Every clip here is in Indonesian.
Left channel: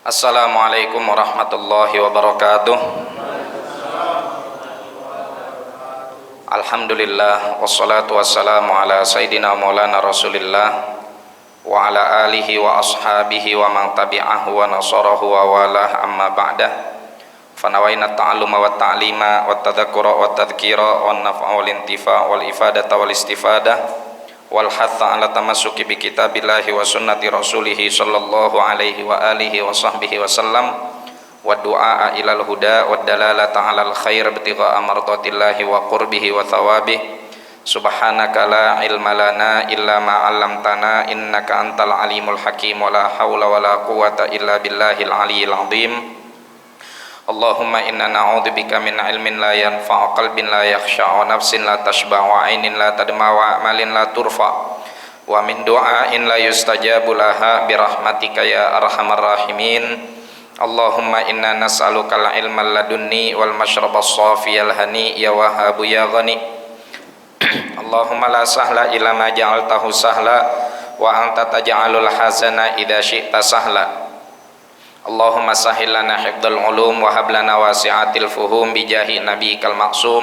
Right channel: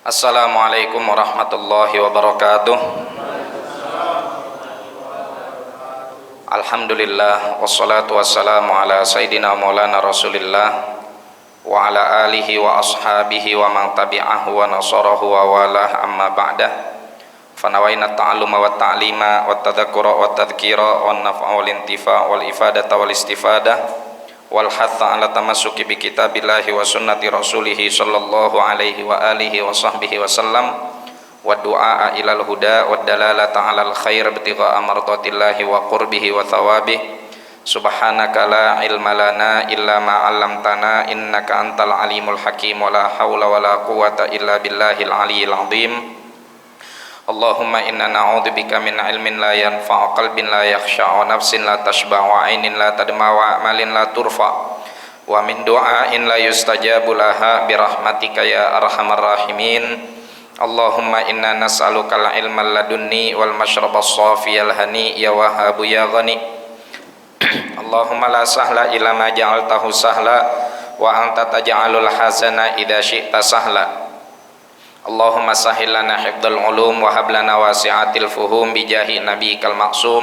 Assalamualaikum warahmatullahi wabarakatuh. Alhamdulillah wassalatu wassalamu ala sayyidina maulana Rasulillah wa ala alihi wa ashabihi wa man tabi'ahu wa nasarahu wa walah, amma ba'dah. Fanawaina ta'alluma wa ta'lima wa tadhakkura wa tadhkira wa naf'a wal intifa' wal ifadata wal istifadah wal hatha ala tamassuki bi kitabillahi wa sunnati rasulih sallallahu alaihi wa alihi wa sahbihi wa sallam wa du'a ilal huda wa dalalata alal khair ibtigha'a mardatillahi wa qurbihi wa thawabih. Subhanaka la ilma lana illa ma 'allamtana innaka antal alimul hakim wa la haula wa la quwwata illa billahil aliyyil azim. Allahumma inna na'udzubika min ilmin la yanfa'u, qalbin la yakhsha, wa nafsin la tashba', wa 'ainin la tadma, wa amalin la turfa, wa min du'ain la yustajabu laha birahmatika ya arhamar rahimin. Allahumma inna nas'aluka al-ilma ladunni wal mashraba as-safiyal hani ya wahhabu ya ghani. Allahumma la sahla illa ma ja'altahu sahla wa anta taj'alul hazana idza syi'ta sahla. Allahumma sahhil lana hifdzal ulum wa hab lana wasi'atil fuhum bi jahi nabiyikal maksum.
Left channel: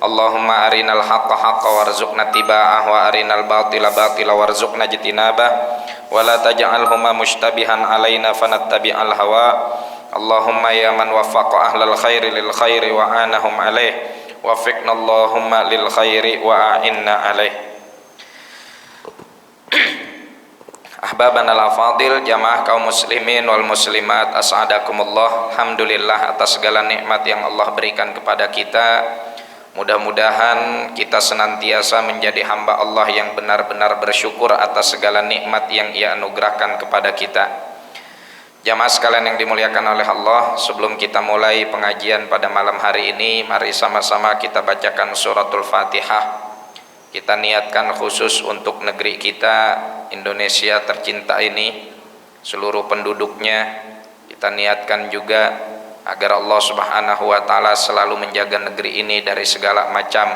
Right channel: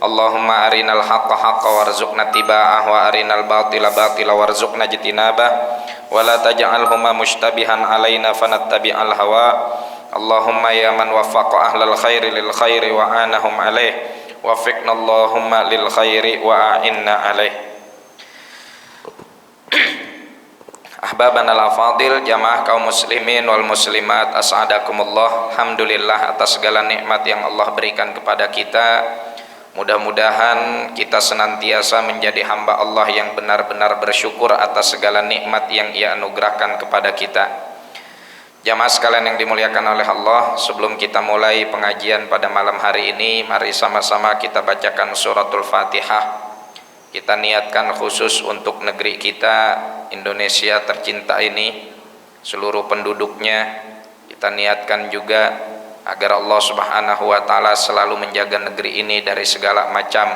Allahumma arinal haqqa haqqa warzuqna tiba'ah wa arinal batila batila warzuqna jitinabah wa la taj'alhuma mushtabihan alaina fanattabi'al hawa. Allahumma ya man waffaqa ahlal khairi lil khairi wa anahum alaih waffiqna Allahumma lil khairi wa a'inna alaih. Ahbabana al-afadil, jamaah kaum muslimin wal muslimat, as'adakumullah. Alhamdulillah atas segala nikmat yang Allah berikan kepada kita. Mudah-mudahan kita senantiasa menjadi hamba Allah yang benar-benar bersyukur atas segala nikmat yang Ia anugerahkan kepada kita. Jamaah sekalian yang dimuliakan oleh Allah, sebelum kita mulai pengajian pada malam hari ini, mari sama-sama kita bacakan suratul Fatihah. Kita niatkan khusus untuk negeri kita Indonesia tercinta ini, seluruh penduduknya. Kita niatkan juga agar Allah Subhanahu wa taala selalu menjaga negeri ini dari segala macam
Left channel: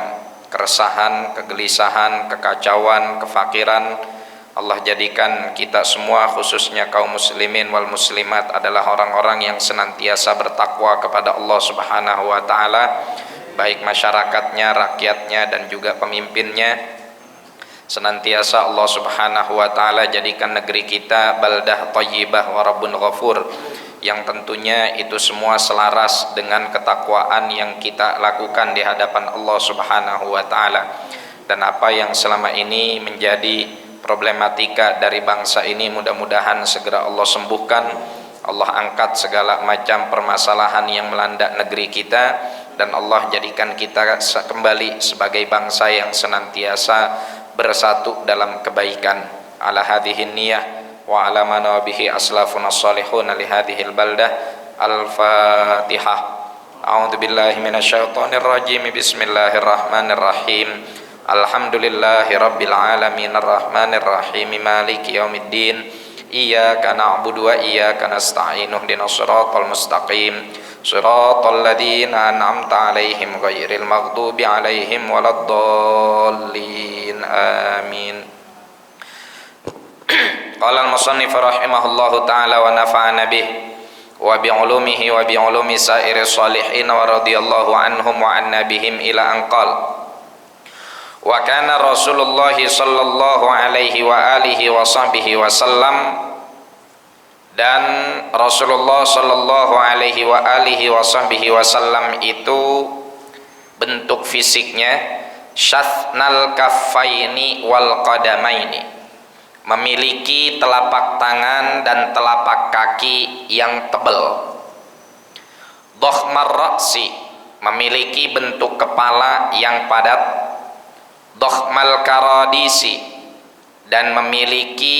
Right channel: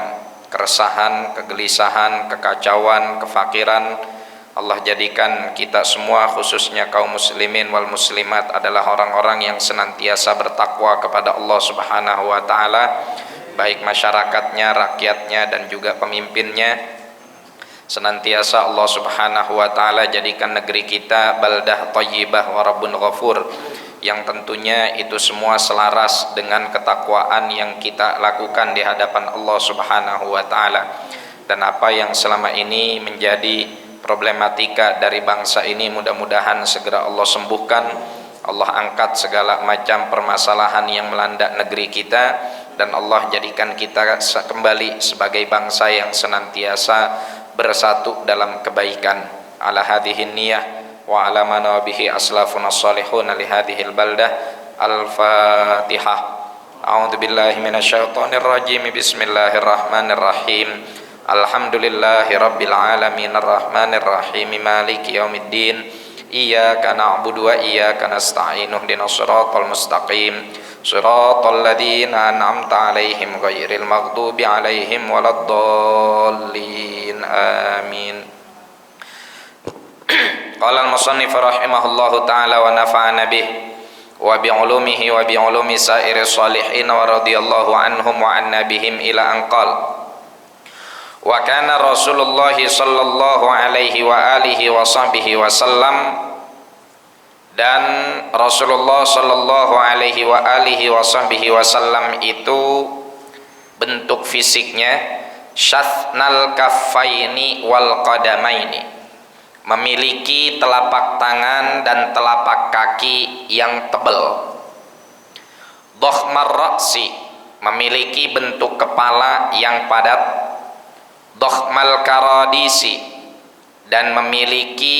keresahan, kegelisahan, kekacauan, kefakiran. Allah jadikan kita semua, khususnya kaum muslimin wal muslimat, adalah orang-orang yang senantiasa bertakwa kepada Allah Subhanahu wa taala, baik masyarakatnya, rakyatnya, dan juga pemimpinnya. Senantiasa Allah Subhanahu wa taala jadikan negeri kita baldah thayyibah wa rabbun ghafur, yang tentunya itu semua selaras dengan ketakwaan yang kita lakukan di hadapan Allah Subhanahu wa taala. Dan apa yang selama ini menjadi problematika dari bangsa ini, mudah-mudahan segera Allah sembuhkan. Allah angkat segala macam permasalahan yang melanda negeri kita, dan Allah jadikan kita kembali sebagai bangsa yang senantiasa bersatu dalam kebaikan. Ala hadhihi niyah wa ala ma bihi aslafuna salihun li hadhil baldah. Al-Fatihah. A'udzu billahi minasyaitonir rajim. Bismillahirrahmanirrahim. Alhamdulillahi rabbil alamin arrahmanir rahim maliki yaumiddin. Iyyaka na'budu wa iyyaka nasta'in. Ihdinas siratal mustaqim. Shiratal ladzina an'amta 'alaihim ghairil maghdubi 'alaihim waladdallin. Amin. Qala al-musannif rahimahullahu ta'ala wa nafa'ana bih wa bi 'ulumihi wa bi 'ulumi sa'iris shalihin wa radhiyallahu anhum wa anna bihim ila an qala wa kana Rasulullah sallallahu alaihi wa alihi wa sahbihi wa sallam. Dan Rasulullah sallallahu alaihi wa alihi wa sahbihi wasallam itu bentuk fisiknya syathnal kaffaini wal qadamaini, memiliki telapak tangan dan telapak kaki yang tebal. Dhakhmar ra'si, memiliki bentuk kepala yang padat. Dhakhmal karadisi, dan memiliki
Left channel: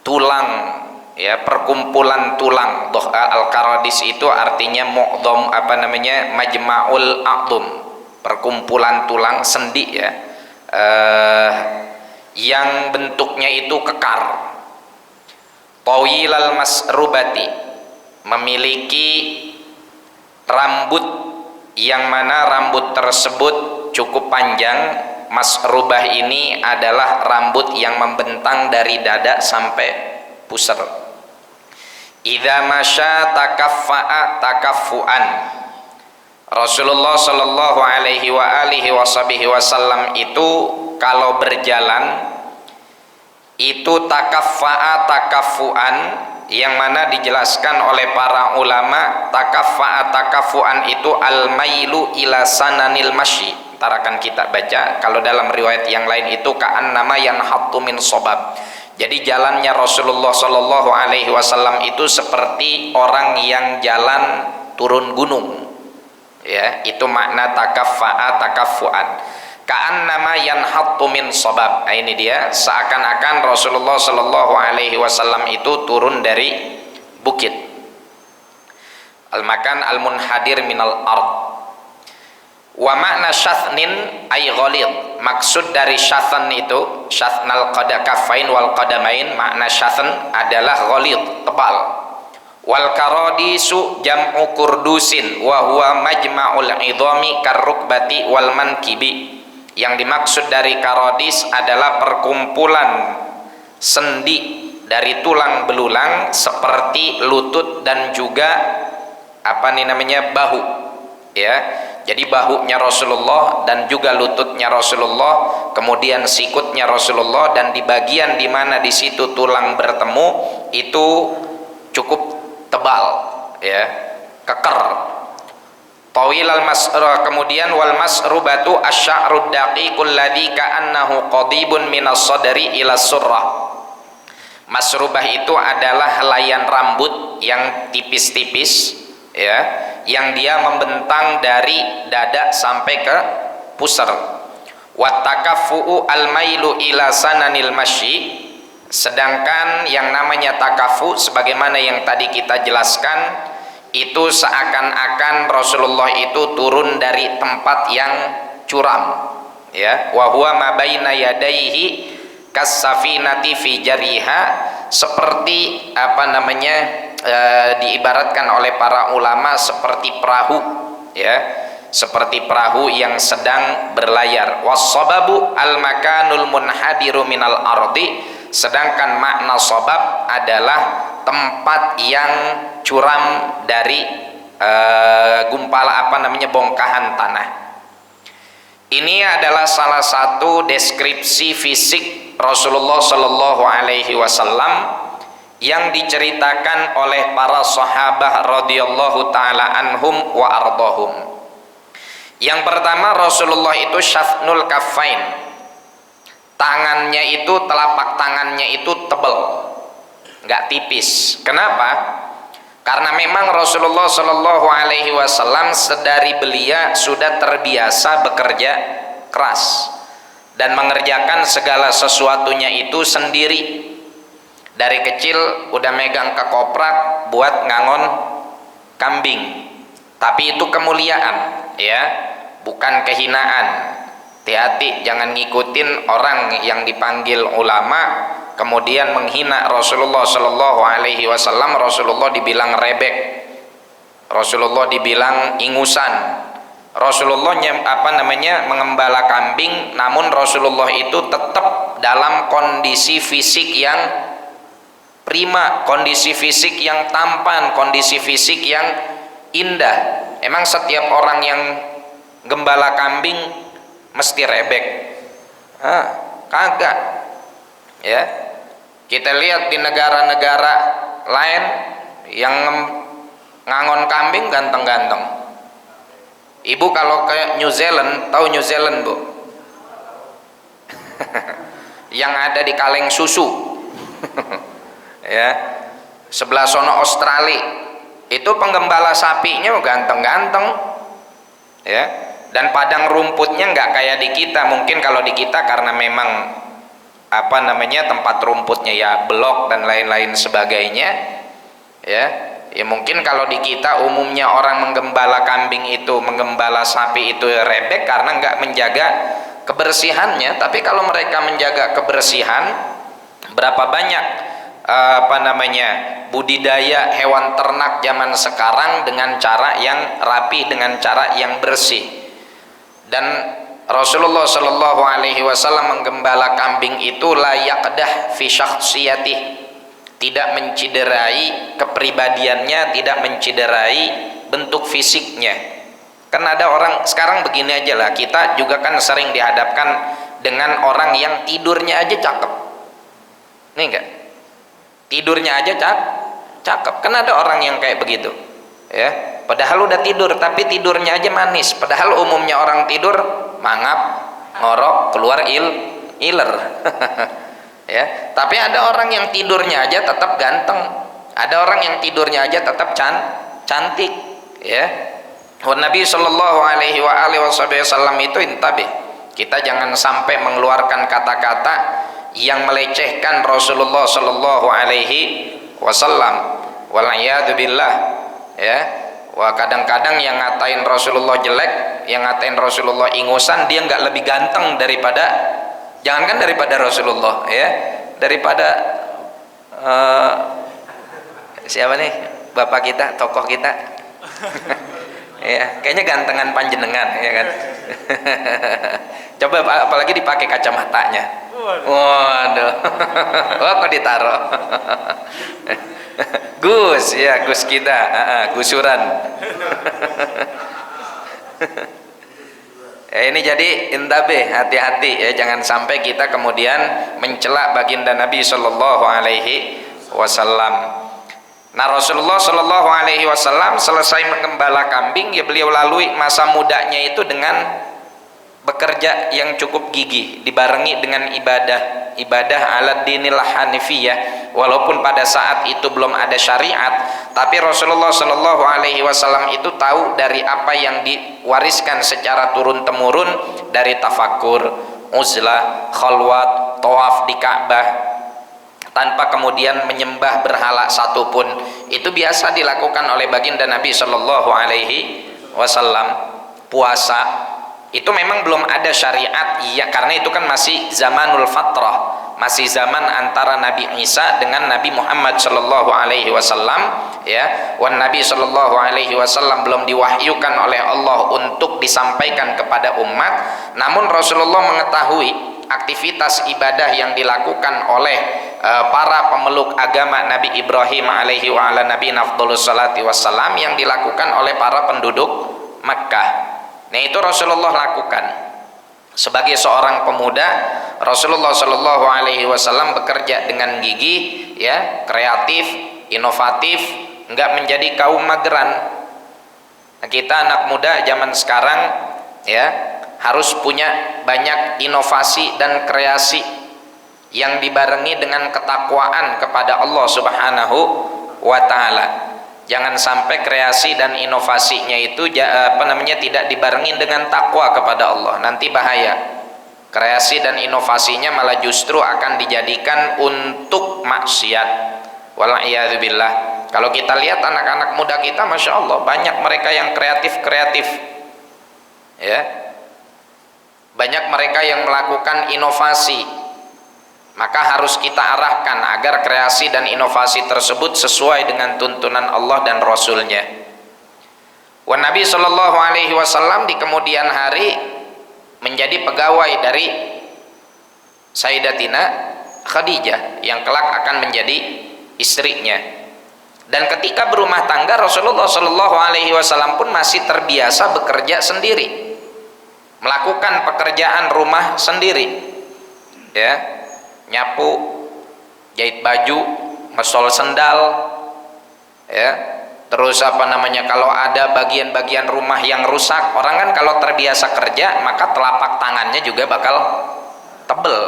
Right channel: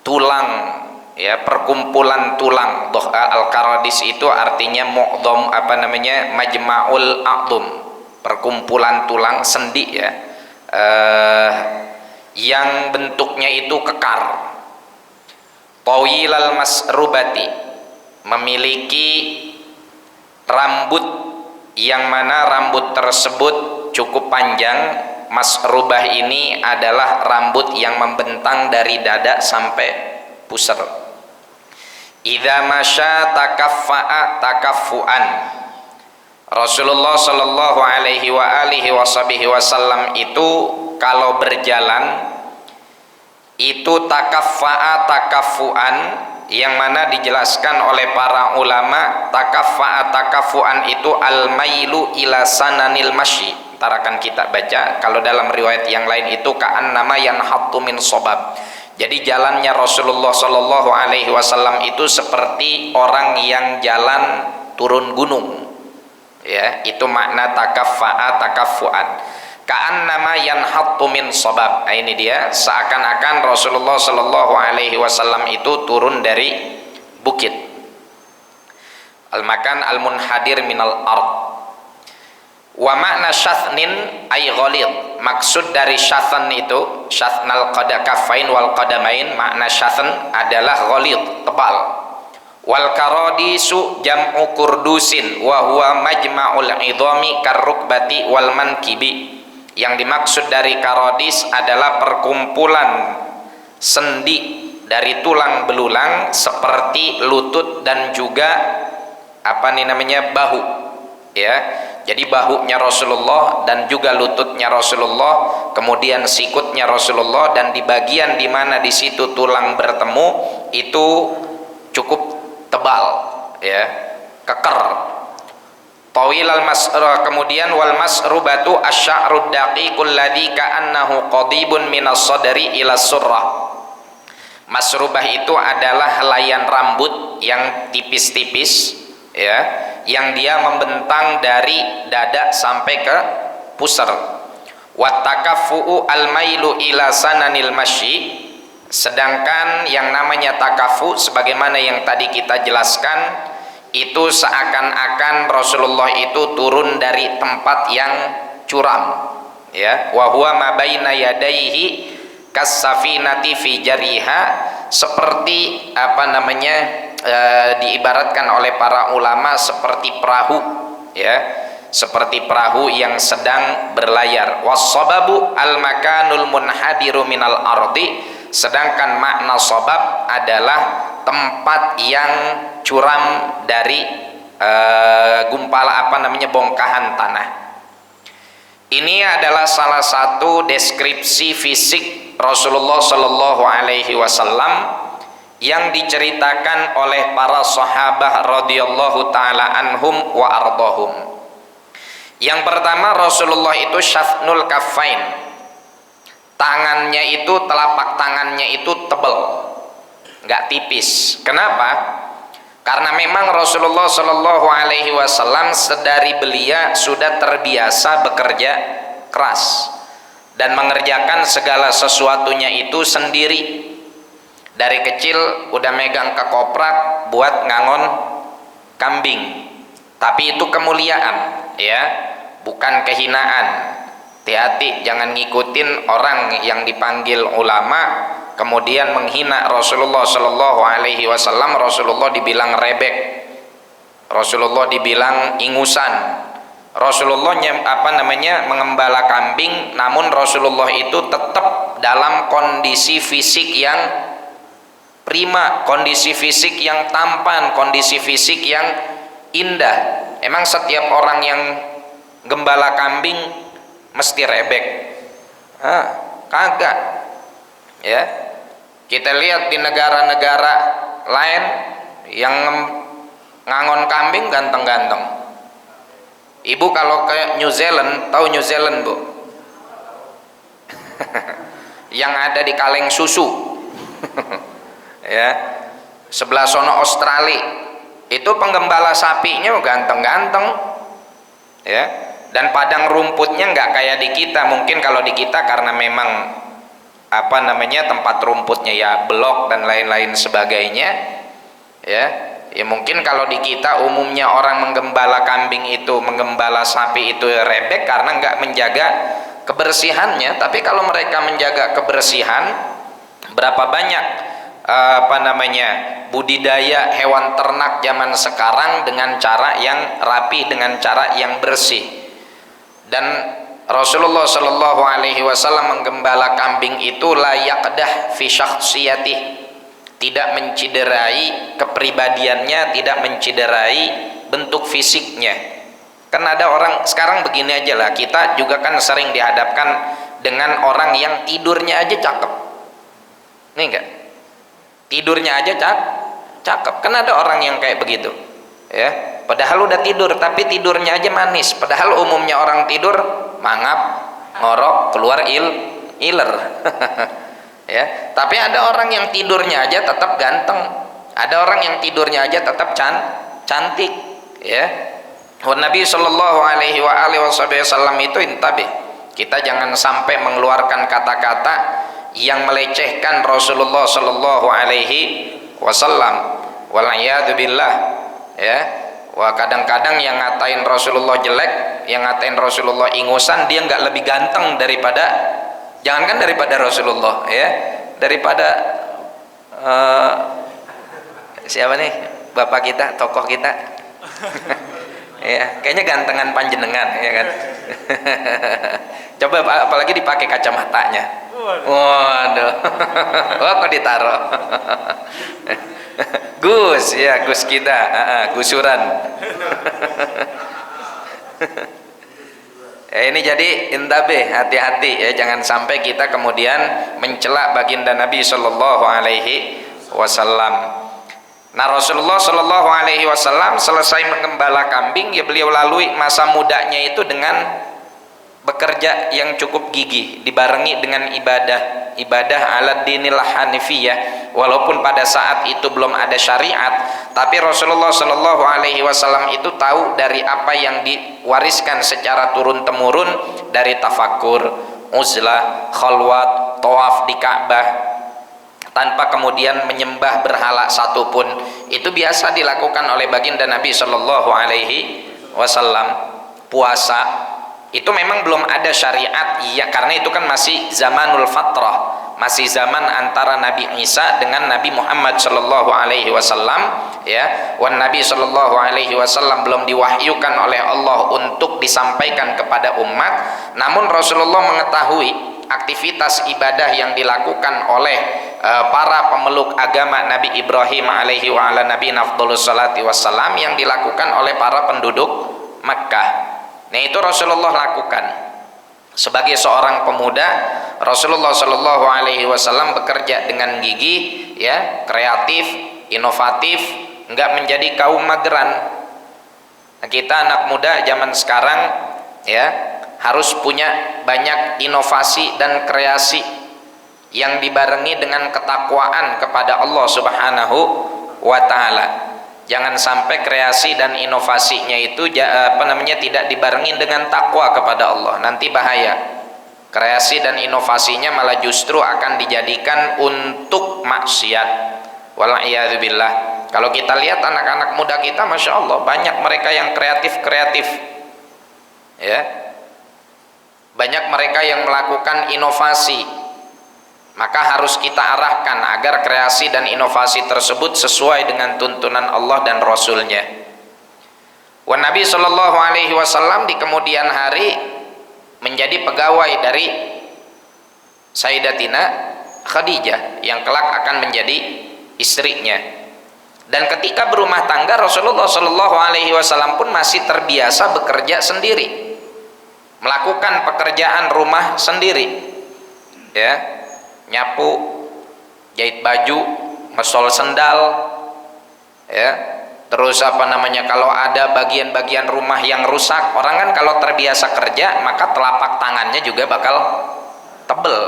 tulang, ya, perkumpulan tulang. Al-karadis itu artinya mu'dham, majma'ul a'dhum, perkumpulan tulang sendi, ya, yang bentuknya itu kekar. Tawilal masrubati, memiliki rambut yang mana rambut tersebut cukup panjang. Masrubah ini adalah rambut yang membentang dari dada sampai pusar. idza masya takaffa'a takaffuan. Rasulullah sallallahu alaihi wa alihi wasallam itu kalau berjalan itu takaffa'a takaffuan, yang mana dijelaskan oleh para ulama takaffa'a takaffuan itu al-mailu ila sananil masyi. Ntar akan kita baca, kalau dalam riwayat yang lain itu ka'annama yanhattu min sobab. Jadi jalannya Rasulullah sallallahu alaihi wasallam itu seperti orang yang jalan turun gunung. Ya, itu makna takaffa'a takaffuan. Ka'annama yanhattu min sabab. Nah, ini dia, seakan-akan Rasulullah sallallahu alaihi wasallam itu turun dari bukit. Al-makan al-munhadir minal ard. Wa makna syathnin ay ghalid. Maksud dari syathan itu, syathnal qadakafain wal qadamain, makna syathan adalah ghalid, tebal. Wal karadisu jam'u kurdusin wa huwa majma'ul idhami karrukbati wal mankibi. Yang dimaksud dari karadis adalah perkumpulan sendi dari tulang belulang seperti lutut dan juga bahu, ya. Jadi bahunya Rasulullah dan juga lututnya Rasulullah, kemudian sikutnya Rasulullah, dan di bagian di mana di situ tulang bertemu itu cukup tebal, ya, keker. Tawil al-mas'ra, kemudian wal mas'rubatu asy'arud daqiqul ladzi ka'annahu qadibun minas sadri ila surrah. Masrubah itu adalah helaian rambut yang tipis-tipis, ya, yang dia membentang dari dada sampai ke pusar. Wa takaffu'u al-mailu ila sananil masyi. Sedangkan yang namanya takafu, sebagaimana yang tadi kita jelaskan, itu seakan-akan Rasulullah itu turun dari tempat yang curam, ya. Wa huwa ma baina yadayhi kas-safinati fi jariha, seperti diibaratkan oleh para ulama seperti perahu, ya, seperti perahu yang sedang berlayar. Was-sababu al-makanul munhadiru minal ardi. Sedangkan makna sabab adalah tempat yang curam dari bongkahan tanah. Ini adalah salah satu deskripsi fisik Rasulullah sallallahu alaihi wasallam yang diceritakan oleh para sahabat radhiyallahu taala anhum wa ardahum. Yang pertama, Rasulullah itu syathnul kaffain. Tangannya itu, telapak tangannya itu tebal, nggak tipis. Kenapa? Karena memang Rasulullah Shallallahu Alaihi Wasallam sedari belia sudah terbiasa bekerja keras dan mengerjakan segala sesuatunya itu sendiri. Dari kecil udah megang kekoprak buat ngangon kambing, tapi itu kemuliaan, ya, bukan kehinaan. Hati-hati, jangan ngikutin orang yang dipanggil ulama kemudian menghina Rasulullah Shallallahu Alaihi Wasallam. Rasulullah dibilang rebek, Rasulullah dibilang ingusan, Rasulullah mengembala kambing, namun Rasulullah itu tetap dalam kondisi fisik yang prima, kondisi fisik yang tampan, kondisi fisik yang indah. Emang setiap orang yang gembala kambing mesti rebek? Kagak, ya. Kita lihat di negara-negara lain yang ngangon kambing ganteng-ganteng. Ibu kalau ke New Zealand, tahu New Zealand, Bu? Yang ada di kaleng susu. Ya, sebelah sono Australia itu penggembala sapinya ganteng-ganteng, ya. Dan padang rumputnya nggak kayak di kita. Mungkin kalau di kita karena memang tempat rumputnya ya blok dan lain-lain sebagainya, ya mungkin kalau di kita umumnya orang menggembala kambing itu, menggembala sapi itu rebek karena nggak menjaga kebersihannya. Tapi kalau mereka menjaga kebersihan, berapa banyak budidaya hewan ternak zaman sekarang dengan cara yang rapi, dengan cara yang bersih. Dan Rasulullah Shallallahu Alaihi Wasallam menggembala kambing itu la yaqdah fi syakhsiyatih, tidak menciderai kepribadiannya, tidak menciderai bentuk fisiknya. Kan ada orang sekarang begini aja lah, kita juga kan sering dihadapkan dengan orang yang tidurnya aja cakep. Nih enggak? Tidurnya aja cakep. Kan ada orang yang kayak begitu. Ya, padahal udah tidur tapi tidurnya aja manis. Padahal umumnya orang tidur mangap, ngorok, keluar iler. Ya, tapi ada orang yang tidurnya aja tetap ganteng. Ada orang yang tidurnya aja tetap cantik, ya. Nabi sallallahu alaihi wasallam itu intabih. Kita jangan sampai mengeluarkan kata-kata yang melecehkan Rasulullah sallallahu alaihi wasallam. Wal'iyadu billah, ya. Wah, kadang-kadang yang ngatain Rasulullah jelek, yang ngatain Rasulullah ingusan, dia nggak lebih ganteng daripada, jangankan daripada Rasulullah, ya, daripada siapa nih bapak kita, tokoh kita. Ya, kayaknya gantengan panjenengan, ya kan. Coba apalagi dipakai kacamatanya. Waduh. Wah, kok ditaruh. Gus, ya, Gus kita, gusuran. Ya, ini jadi intabih, hati-hati ya, jangan sampai kita kemudian mencela baginda Nabi sallallahu alaihi wasallam. Nah, Rasulullah sallallahu alaihi wasallam selesai menggembala kambing, ya beliau lalui masa mudanya itu dengan bekerja yang cukup gigih, dibarengi dengan ibadah ala dinil hanifiyah. Walaupun pada saat itu belum ada syariat, tapi Rasulullah sallallahu alaihi wasallam itu tahu dari apa yang diwariskan secara turun temurun, dari tafakur, uzlah, khalwat, tawaf di Ka'bah tanpa kemudian menyembah berhala satupun. Itu biasa dilakukan oleh baginda Nabi sallallahu alaihi wasallam. Puasa itu memang belum ada syariat, ya, karena itu kan masih zamanul fatrah, masih zaman antara Nabi Isa dengan Nabi Muhammad sallallahu alaihi wasallam, ya. Wan Nabi sallallahu alaihi wasallam belum diwahyukan oleh Allah untuk disampaikan kepada umat, namun Rasulullah mengetahui aktivitas ibadah yang dilakukan oleh para pemeluk agama Nabi Ibrahim alaihi wa ala nabi nafdhulus salati wassalam, yang dilakukan oleh para penduduk Makkah. Nah, itu Rasulullah lakukan. Sebagai seorang pemuda, Rasulullah sallallahu alaihi wasallam bekerja dengan gigih, ya, kreatif, inovatif, enggak menjadi kaum mageran. Nah, kita anak muda zaman sekarang, ya, harus punya banyak inovasi dan kreasi yang dibarengi dengan ketakwaan kepada Allah Subhanahu wa taala. Jangan sampai kreasi dan inovasinya itu tidak dibarengi dengan takwa kepada Allah, nanti bahaya. Kreasi dan inovasinya malah justru akan dijadikan untuk maksiat. Wal'iyadzubillah. Kalau kita lihat anak-anak muda kita, masya Allah, banyak mereka yang kreatif, ya, banyak mereka yang melakukan inovasi. Maka harus kita arahkan agar kreasi dan inovasi tersebut sesuai dengan tuntunan Allah dan Rasulnya. Wan Nabi sallallahu alaihi wasallam di kemudian hari menjadi pegawai dari Sayyidatina Khadijah yang kelak akan menjadi istrinya. Dan ketika berumah tangga, Rasulullah sallallahu alaihi wasallam pun masih terbiasa bekerja sendiri, melakukan pekerjaan rumah sendiri, ya, nyapu, jahit baju, ngesol sendal, ya, terus kalau ada bagian-bagian rumah yang rusak, orang kan kalau terbiasa kerja maka telapak tangannya juga bakal tebel,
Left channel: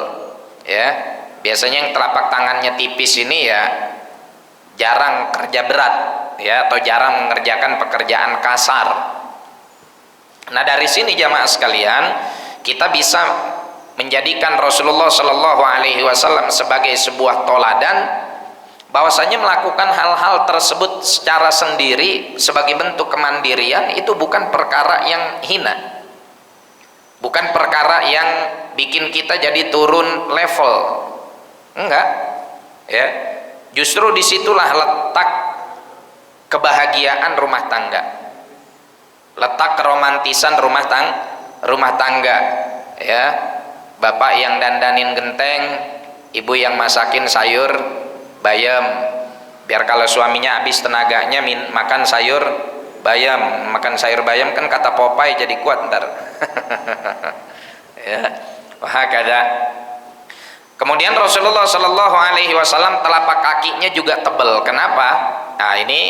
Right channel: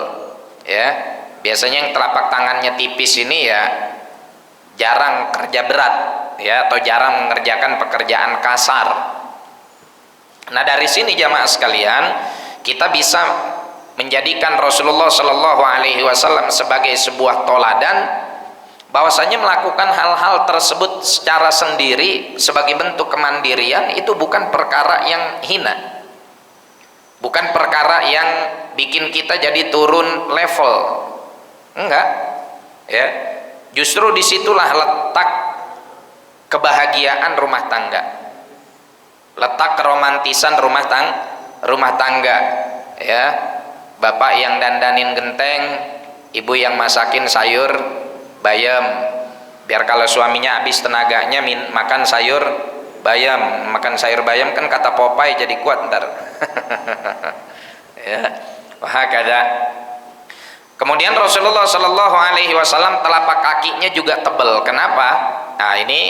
ya. Biasanya yang telapak tangannya tipis ini ya jarang kerja berat, ya, atau jarang mengerjakan pekerjaan kasar. Nah, dari sini jamaah sekalian, kita bisa menjadikan Rasulullah Shallallahu Alaihi Wasallam sebagai sebuah toladan, bahwasanya melakukan hal-hal tersebut secara sendiri sebagai bentuk kemandirian itu bukan perkara yang hina, bukan perkara yang bikin kita jadi turun level, enggak, ya. Justru disitulah letak kebahagiaan rumah tangga, letak keromantisan rumah tangga, ya. Bapak yang dandanin genteng, ibu yang masakin sayur, bayam, biar kalau suaminya habis tenaganya makan sayur bayam. Makan sayur bayam kan kata Popeye jadi kuat ntar. Ya, wahakada. Kemudian Rasulullah Shallallahu Alaihi Wasallam telapak kakinya juga tebal. Kenapa? Nah ini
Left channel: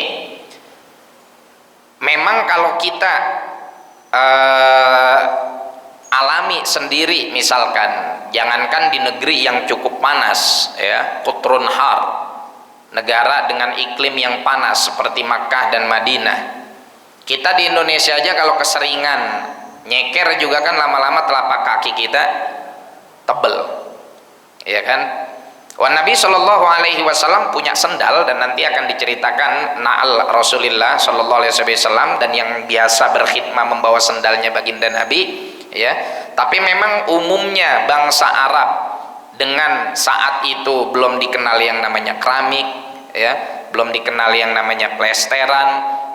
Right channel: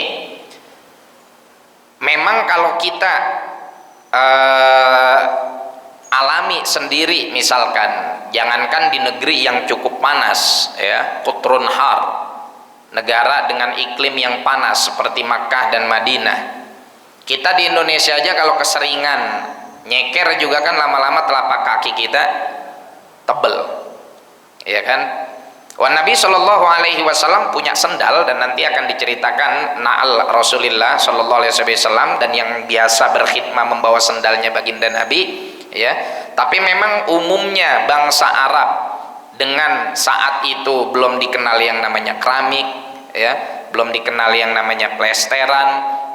memang kalau kita alami sendiri, misalkan jangankan di negeri yang cukup panas ya, kutrun har, negara dengan iklim yang panas seperti Makkah dan Madinah, kita di Indonesia aja kalau keseringan nyeker juga kan lama-lama telapak kaki kita tebel, ya kan. Nabi Shallallahu Alaihi Wasallam punya sendal, dan nanti akan diceritakan na'al Rasulullah Shallallahu Alaihi Wasallam, dan yang biasa berkhidmah membawa sendalnya baginda Nabi, ya. Tapi memang umumnya bangsa Arab dengan saat itu belum dikenal yang namanya keramik, ya, belum dikenal yang namanya plesteran.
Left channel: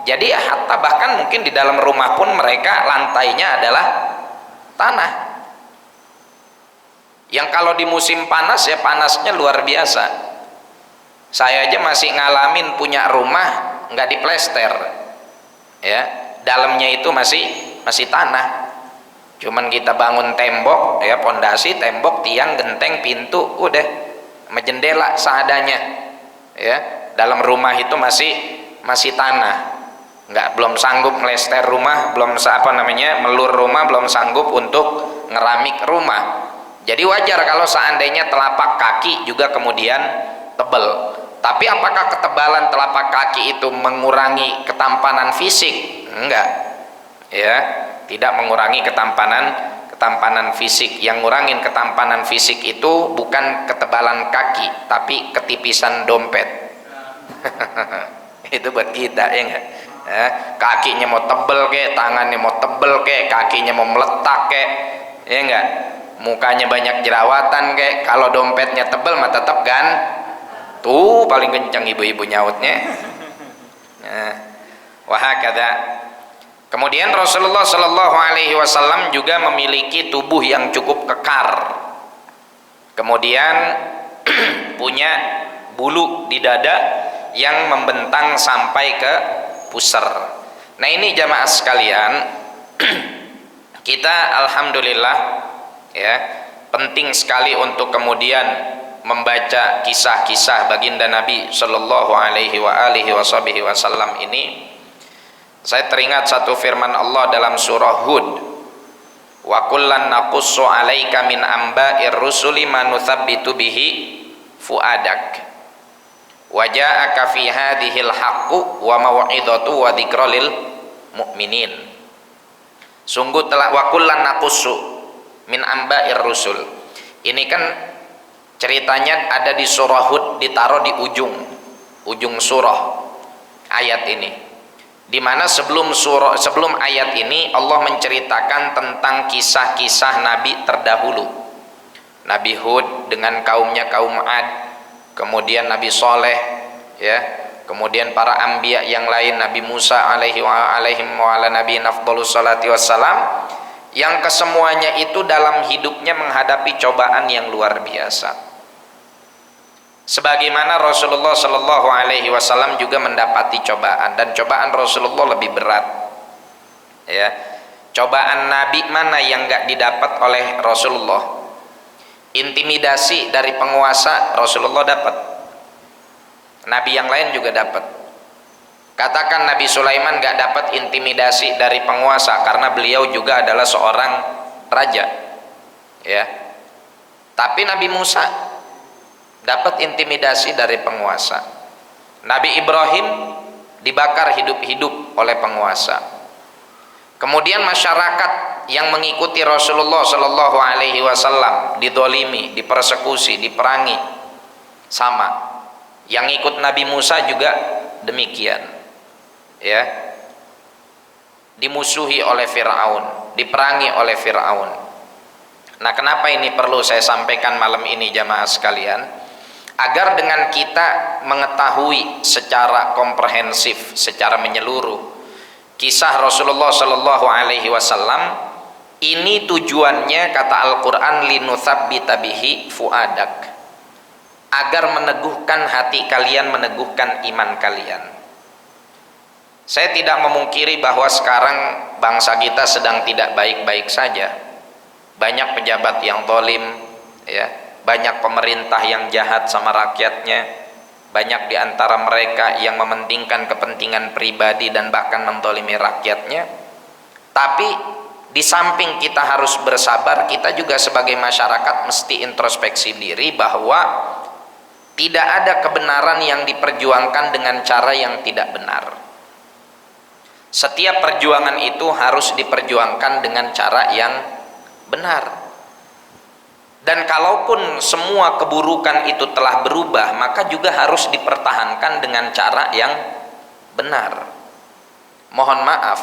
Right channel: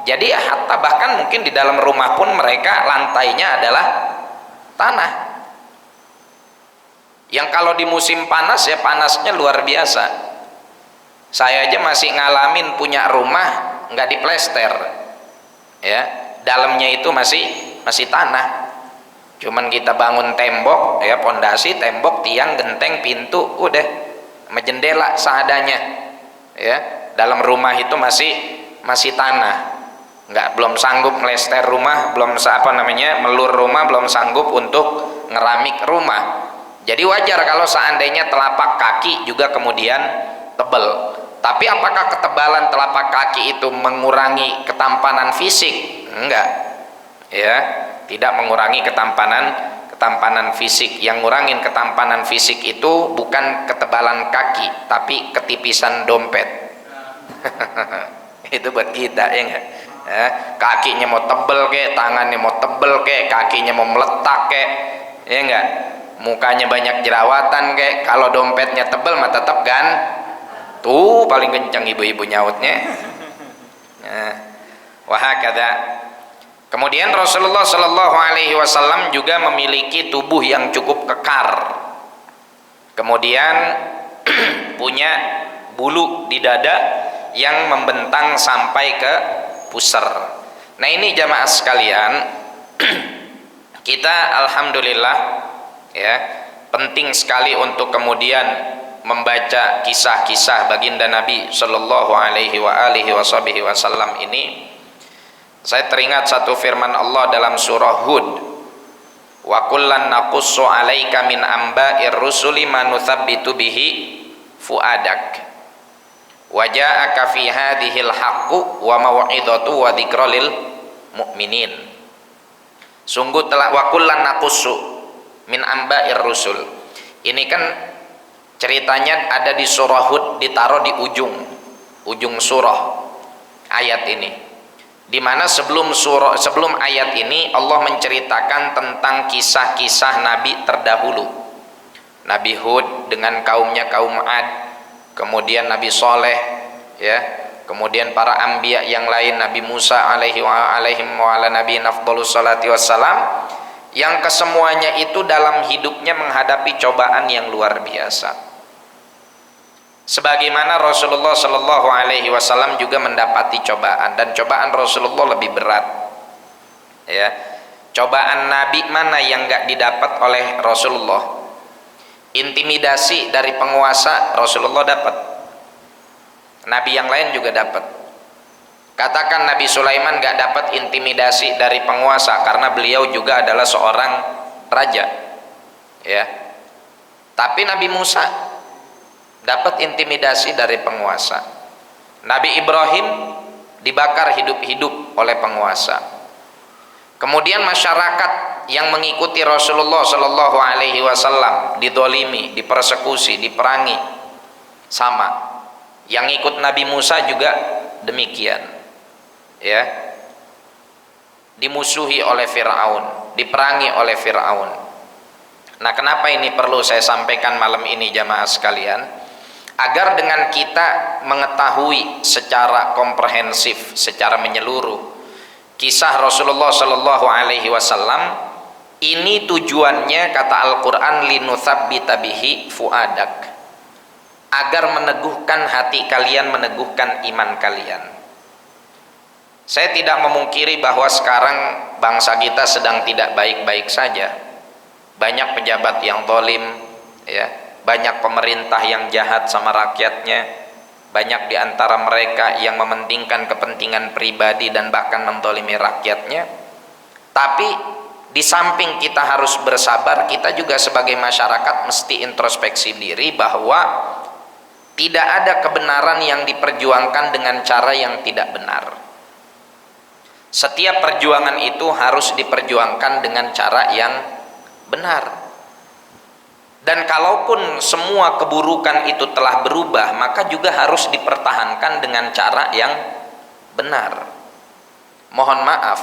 Jadi hatta bahkan mungkin di dalam rumah pun mereka lantainya adalah tanah. Yang kalau di musim panas ya panasnya luar biasa. Saya aja masih ngalamin punya rumah nggak diplester, ya, dalamnya itu masih tanah. Cuman kita bangun tembok, ya, pondasi, tembok, tiang, genteng, pintu, udah, sama jendela seadanya, ya. Dalam rumah itu masih tanah. Belum sanggup melester rumah, melur rumah, belum sanggup untuk ngeramik rumah. Jadi wajar kalau seandainya telapak kaki juga kemudian tebal. Tapi apakah ketebalan telapak kaki itu mengurangi ketampanan fisik? Enggak, ya, tidak mengurangi ketampanan fisik. Yang ngurangin ketampanan fisik itu bukan ketebalan kaki, tapi ketipisan dompet. Itu buat kita, ya enggak? Ya, kakinya mau tebel kek, tangannya mau tebel kek, kakinya mau meletak kek, ya enggak? Mukanya banyak jerawatan kek, kalau dompetnya tebel mah tetap kan tuh paling kencang ibu-ibu nyautnya. Nah, wahakada. Kemudian Rasulullah Shallallahu Alaihi Wasallam juga memiliki tubuh yang cukup kekar. Kemudian punya bulu di dada yang membentang sampai ke pusar. Nah ini jamaah sekalian, kita alhamdulillah, ya, penting sekali untuk kemudian membaca kisah-kisah baginda Nabi Shallallahu Alaihi Wasallam ini. Saya teringat satu firman Allah dalam surah Hud, wa kullan naqussu 'alaika min amba'ir rusuli ma nuthabbitu bihi fuadak wa ja'aka fi hadhil haqqu wa mau'izatu wa dzikra lil mu'minin. Sungguh telah wa kullan naqussu min amba'ir rusul. Ini kan ceritanya ada di surah Hud, ditaruh di ujung surah ayat ini, di mana sebelum ayat ini Allah menceritakan tentang kisah-kisah nabi terdahulu. Nabi Hud dengan kaumnya, kaum Ad, kemudian Nabi Soleh, ya, kemudian para anbiya yang lain, Nabi Musa alaihim wa ala nabiyina afdhalus salati wassalam, yang kesemuanya itu dalam hidupnya menghadapi cobaan yang luar biasa. Sebagaimana Rasulullah Shallallahu Alaihi Wasallam juga mendapati cobaan, dan cobaan Rasulullah lebih berat. Ya, cobaan Nabi mana yang nggak didapat oleh Rasulullah? Intimidasi dari penguasa Rasulullah dapat. Nabi yang lain juga dapat. Katakan Nabi Sulaiman nggak dapat intimidasi dari penguasa karena beliau juga adalah seorang raja, ya. Tapi Nabi Musa dapat intimidasi dari penguasa. Nabi Ibrahim dibakar hidup-hidup oleh penguasa. Kemudian masyarakat yang mengikuti Rasulullah Shallallahu Alaihi Wasallam didolimi, dipersekusi, diperangi, sama. Yang ikut Nabi Musa juga demikian, ya, dimusuhi oleh Fir'aun, diperangi oleh Fir'aun. Nah, kenapa ini perlu saya sampaikan malam ini jamaah sekalian? Agar dengan kita mengetahui secara komprehensif, secara menyeluruh kisah Rasulullah Shallallahu Alaihi Wasallam, ini tujuannya kata Al-Quran linutsabbita bihi fuadak, agar meneguhkan hati kalian, meneguhkan iman kalian. Saya tidak memungkiri bahwa sekarang bangsa kita sedang tidak baik-baik saja. Banyak pejabat yang zalim, ya, banyak pemerintah yang jahat sama rakyatnya, banyak di antara mereka yang mementingkan kepentingan pribadi dan bahkan menzalimi rakyatnya. Tapi di samping kita harus bersabar, kita juga sebagai masyarakat mesti introspeksi diri bahwa tidak ada kebenaran yang diperjuangkan dengan cara yang tidak benar. Setiap perjuangan itu harus diperjuangkan dengan cara yang benar. Dan kalaupun semua keburukan itu telah berubah, maka juga harus dipertahankan dengan cara yang benar. Mohon maaf,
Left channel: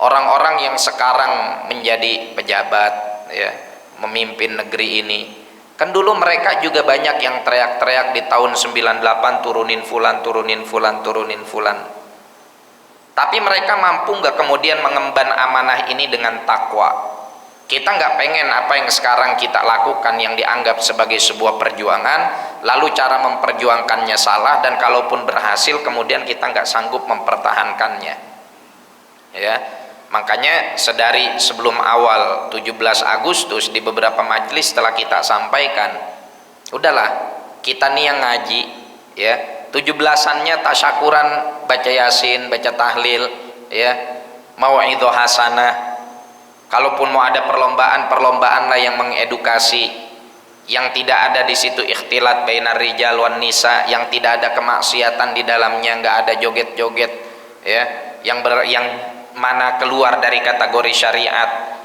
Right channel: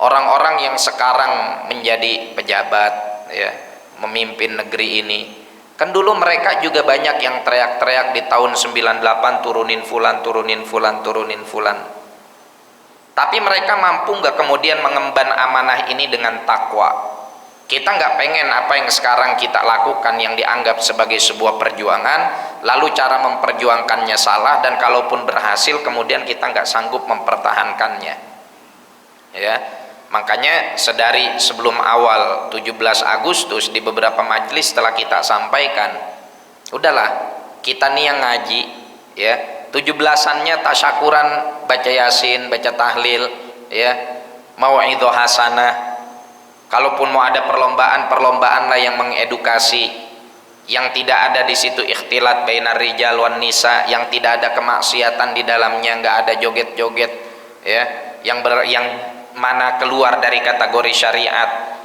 orang-orang yang sekarang menjadi pejabat, ya, memimpin negeri ini, kan dulu mereka juga banyak yang teriak-teriak di tahun 98 turunin fulan, turunin fulan, turunin fulan. Tapi mereka mampu nggak kemudian mengemban amanah ini dengan takwa? Kita nggak pengen apa yang sekarang kita lakukan yang dianggap sebagai sebuah perjuangan, lalu cara memperjuangkannya salah, dan kalaupun berhasil kemudian kita nggak sanggup mempertahankannya. Ya, makanya sedari sebelum awal 17 Agustus di beberapa majelis telah kita sampaikan, udahlah kita nih yang ngaji, ya, 17-annya tasyakuran, baca yasin, baca tahlil, ya, mau'idhah hasanah. Kalaupun mau ada perlombaan lah yang mengedukasi, yang tidak ada di situ ikhtilat bainar rijal wan nisa, yang tidak ada kemaksiatan di dalamnya, nggak ada joget-joget, ya, yang mana keluar dari kategori syariat,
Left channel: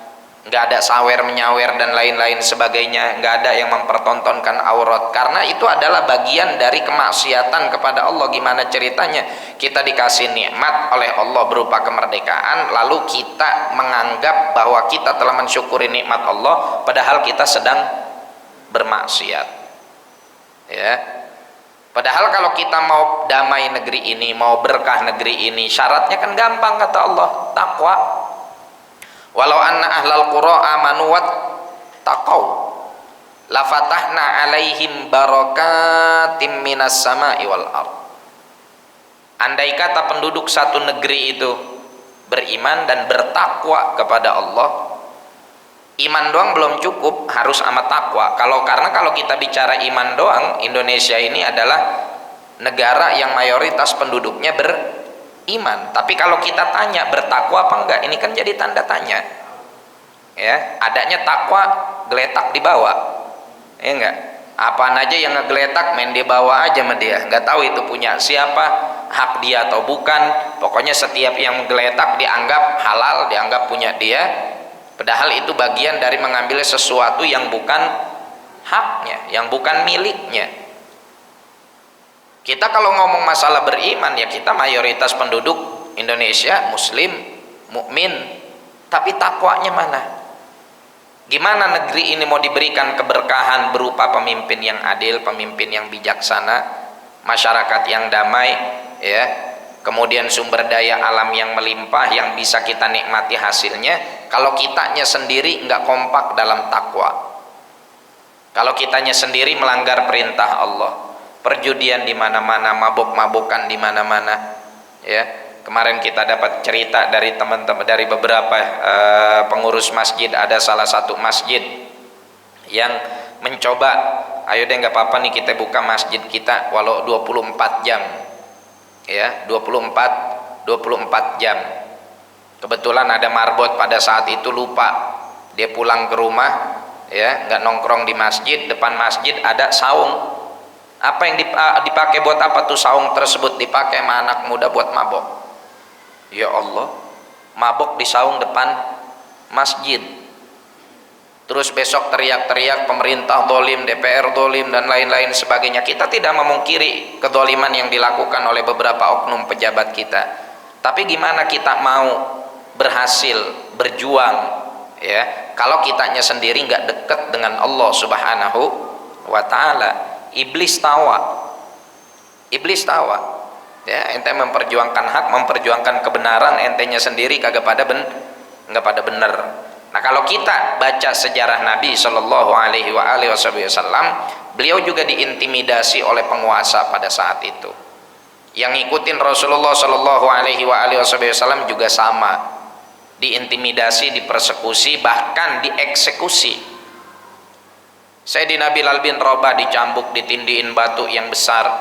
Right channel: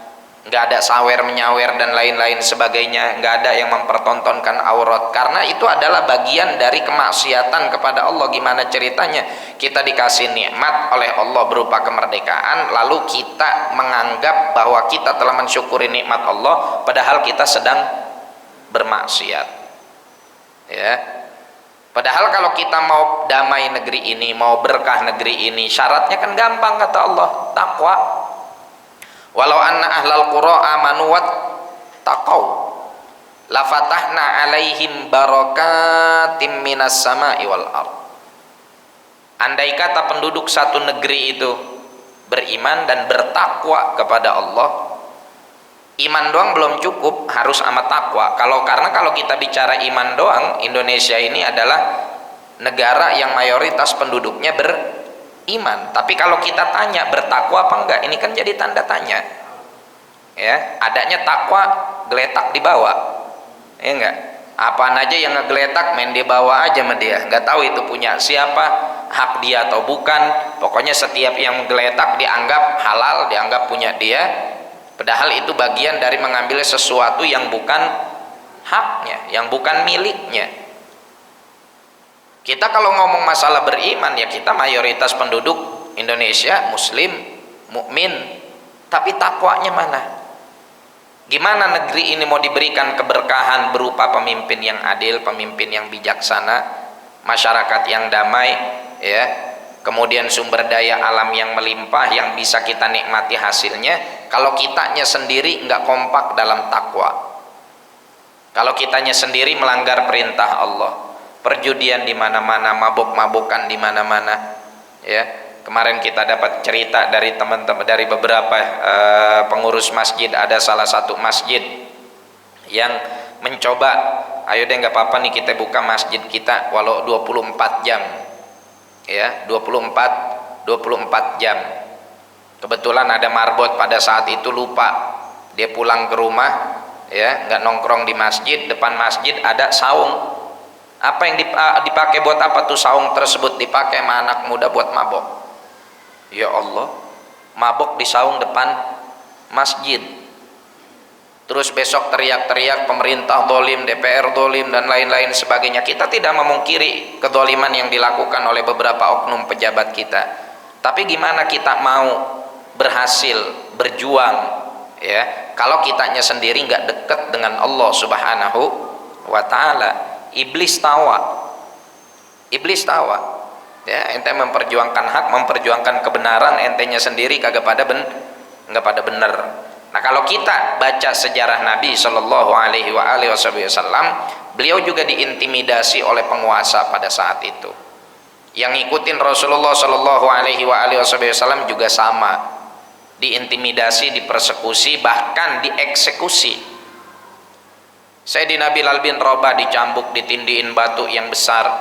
nggak ada sawer menyawer dan lain-lain sebagainya, nggak ada yang mempertontonkan aurat, karena itu adalah bagian dari kemaksiatan kepada Allah. Gimana ceritanya kita dikasih nikmat oleh Allah berupa kemerdekaan, lalu kita menganggap bahwa kita telah mensyukuri nikmat Allah padahal kita sedang bermaksiat, ya. Padahal kalau kita mau damai negeri ini, mau berkah negeri ini, syaratnya kan gampang, kata Allah, takwa. Walau anna ahlal qura amanu wattaqau lafatahna alaihim barakatim minas sama'i wal ardh. Andai kata penduduk satu negeri itu beriman dan bertakwa kepada Allah, iman doang belum cukup, harus amat takwa. Karena kalau kita bicara iman doang, Indonesia ini adalah negara yang mayoritas penduduknya beriman. Tapi kalau kita tanya bertakwa apa enggak, ini kan jadi tanda tanya. Ya, adanya takwa geletak di bawah. Ya enggak? Apaan aja yang ngegeletak main di bawah aja sama dia. Enggak tahu itu punya siapa, hak dia atau bukan. Pokoknya setiap yang geletak dianggap halal, dianggap punya dia. Padahal itu bagian dari mengambil sesuatu yang bukan haknya, yang bukan miliknya. Kita kalau ngomong masalah beriman, ya kita mayoritas penduduk Indonesia muslim, mukmin, tapi takwanya mana? Gimana negeri ini mau diberikan keberkahan berupa pemimpin yang adil, pemimpin yang bijaksana, masyarakat yang damai, ya, kemudian sumber daya alam yang melimpah yang bisa kita nikmati hasilnya, kalau kitanya sendiri nggak kompak dalam takwa, kalau kitanya sendiri melanggar perintah Allah, perjudian di mana-mana, mabuk-mabukan di mana-mana, ya. Kemarin kita dapat cerita dari teman-teman, dari beberapa pengurus masjid, ada salah satu masjid yang mencoba, ayo deh nggak apa-apa nih kita buka masjid kita walau 24 jam, ya, 24 jam. Kebetulan ada marbot pada saat itu lupa, dia pulang ke rumah, ya, nggak nongkrong di masjid, depan masjid ada saung. Apa yang dipakai buat apa tuh saung tersebut? Dipakai sama anak muda buat mabok. Ya Allah, mabok di saung depan masjid. Terus besok teriak-teriak pemerintah dolim, DPR dolim, dan lain-lain sebagainya. Kita tidak memungkiri kedoliman yang dilakukan oleh beberapa oknum pejabat kita. Tapi gimana kita mau berhasil berjuang, ya, kalau kitanya sendiri nggak dekat dengan Allah Subhanahu wa Ta'ala? Iblis tawa, ya, ente memperjuangkan hak, memperjuangkan kebenaran, entenya sendiri nggak pada bener. Nah, kalau kita baca sejarah Nabi Shallallahu Alaihi Wasallam, beliau juga diintimidasi oleh penguasa pada saat itu. Yang ngikutin Rasulullah Shallallahu Alaihi Wasallam juga sama, diintimidasi, dipersekusi, bahkan dieksekusi. Sayyidina Bilal bin Rabah dicambuk, ditindihin batu yang besar.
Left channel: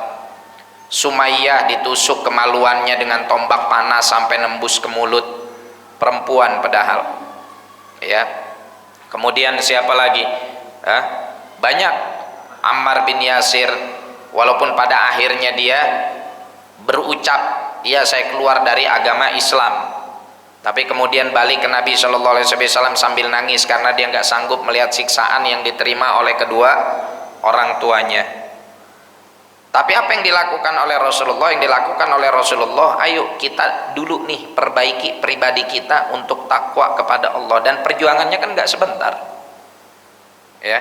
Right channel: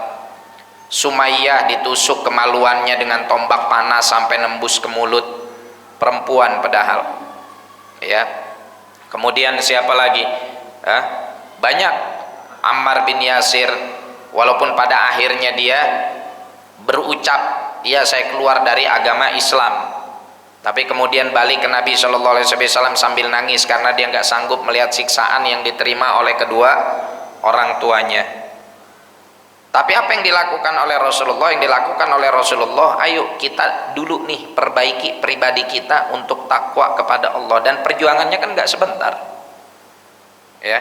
Sumayyah ditusuk kemaluannya dengan tombak panas sampai nembus ke mulut, perempuan padahal. Ya. Kemudian siapa lagi? Banyak. Ammar bin Yasir, walaupun pada akhirnya dia berucap, ya saya keluar dari agama Islam, tapi kemudian balik ke Nabi Shallallahu Alaihi Wasallam sambil nangis karena dia nggak sanggup melihat siksaan yang diterima oleh kedua orang tuanya. Tapi apa yang dilakukan oleh Rasulullah? Yang dilakukan oleh Rasulullah, ayo kita dulu nih perbaiki pribadi kita untuk takwa kepada Allah, dan perjuangannya kan nggak sebentar. Ya,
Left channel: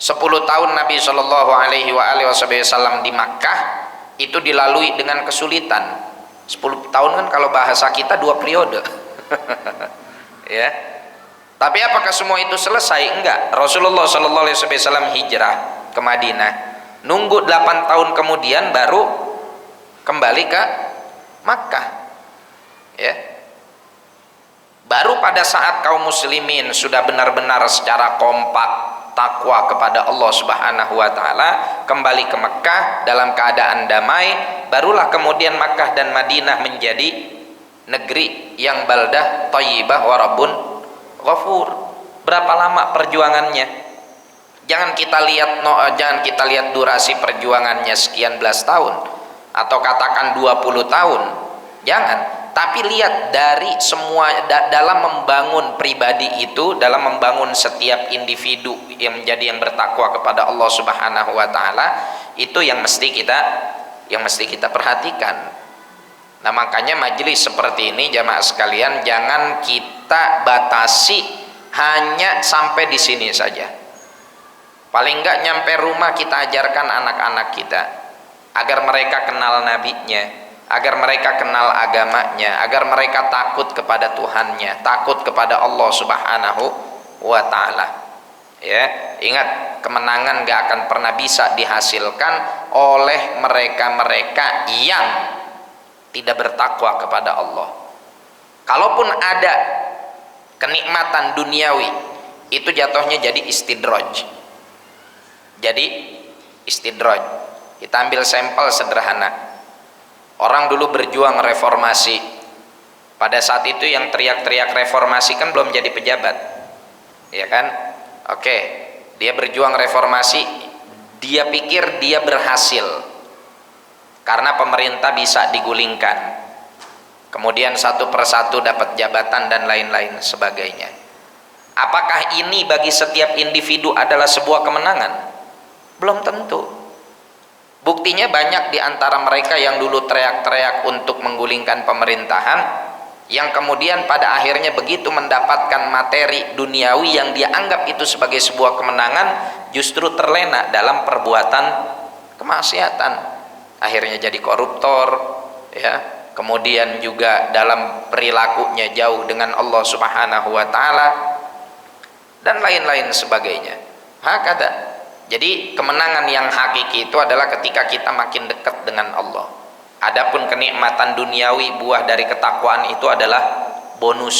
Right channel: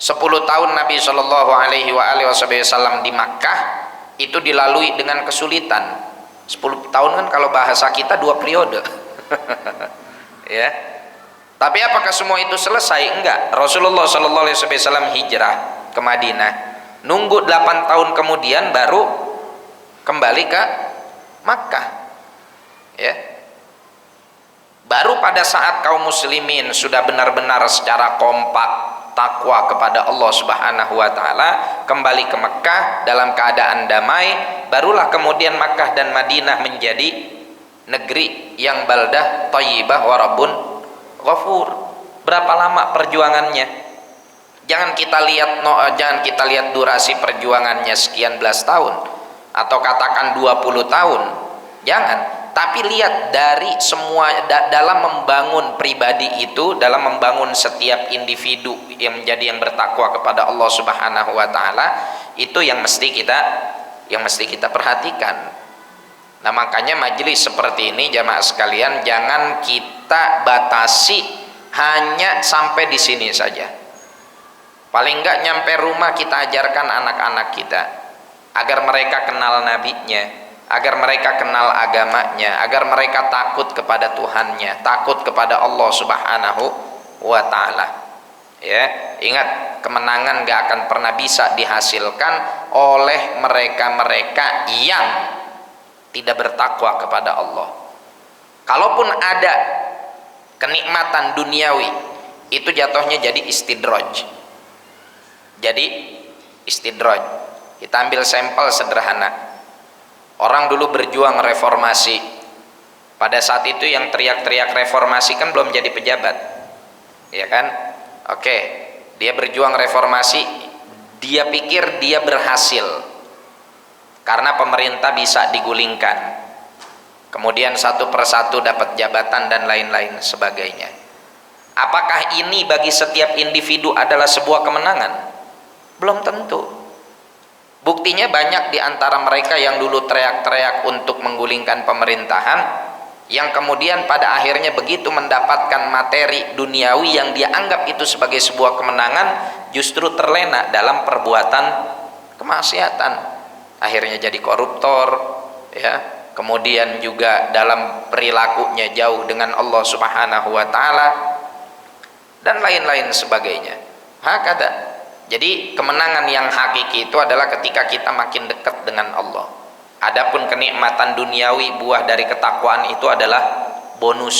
10 tahun Nabi Shallallahu Alaihi Wasallam di Makkah itu dilalui dengan kesulitan. 10 tahun kan kalau bahasa kita 2 periode. Ya. Tapi apakah semua itu selesai? Enggak. Rasulullah Shallallahu Alaihi Wasallam hijrah ke Madinah. Nunggu 8 tahun kemudian baru kembali ke Makkah. Ya. Baru pada saat kaum muslimin sudah benar-benar secara kompak takwa kepada Allah Subhanahu wa taala, kembali ke Mekah dalam keadaan damai, barulah kemudian Makkah dan Madinah menjadi negeri yang baldah thayyibah wa rabbun ghafur. Berapa lama perjuangannya? Jangan kita lihat durasi perjuangannya sekian belas tahun atau katakan 20 tahun. Jangan. Tapi lihat dari semua dalam membangun pribadi itu, dalam membangun setiap individu yang menjadi yang bertakwa kepada Allah Subhanahu wa taala, itu yang mesti kita perhatikan. Nah, makanya majelis seperti ini jamaah sekalian jangan kita batasi hanya sampai di sini saja. Paling enggak nyampe rumah kita ajarkan anak-anak kita agar mereka kenal nabinya, agar mereka kenal agamanya, agar mereka takut kepada Tuhannya, takut kepada Allah Subhanahu wa taala. Ya, ingat, kemenangan gak akan pernah bisa dihasilkan oleh mereka-mereka yang tidak bertakwa kepada Allah. Kalaupun ada kenikmatan duniawi, itu jatuhnya jadi istidraj. Jadi istidraj. Kita ambil sampel sederhana. Orang dulu berjuang reformasi. Pada saat itu yang teriak-teriak reformasi kan belum jadi pejabat. Ya kan? Oke, dia berjuang reformasi, dia pikir dia berhasil. Karena pemerintah bisa digulingkan. Kemudian satu persatu dapat jabatan dan lain-lain sebagainya. Apakah ini bagi setiap individu adalah sebuah kemenangan? Belum tentu. Buktinya banyak di antara mereka yang dulu teriak-teriak untuk menggulingkan pemerintahan, yang kemudian pada akhirnya begitu mendapatkan materi duniawi yang dia anggap itu sebagai sebuah kemenangan, justru terlena dalam perbuatan kemaksiatan. Akhirnya jadi koruptor, ya. Kemudian juga dalam perilakunya jauh dengan Allah Subhanahu wa taala dan lain-lain sebagainya. Hakada. Jadi kemenangan yang hakiki itu adalah ketika kita makin dekat dengan Allah. Adapun kenikmatan duniawi buah dari ketakwaan itu adalah bonus.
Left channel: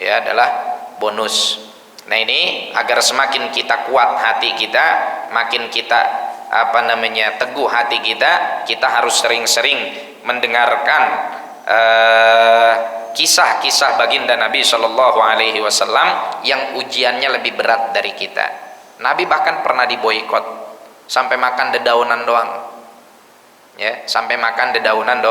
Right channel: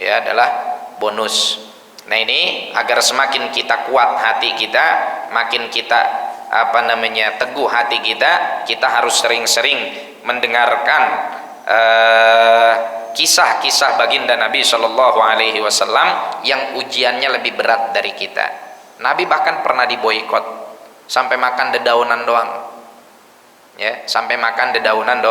Ya, adalah bonus. Nah, ini agar semakin kita kuat hati kita, makin kita teguh hati kita, kita harus sering-sering mendengarkan kisah-kisah baginda Nabi Shallallahu Alaihi Wasallam yang ujiannya lebih berat dari kita. Nabi bahkan pernah diboikot sampai makan dedaunan doang, ya, sampai makan dedaunan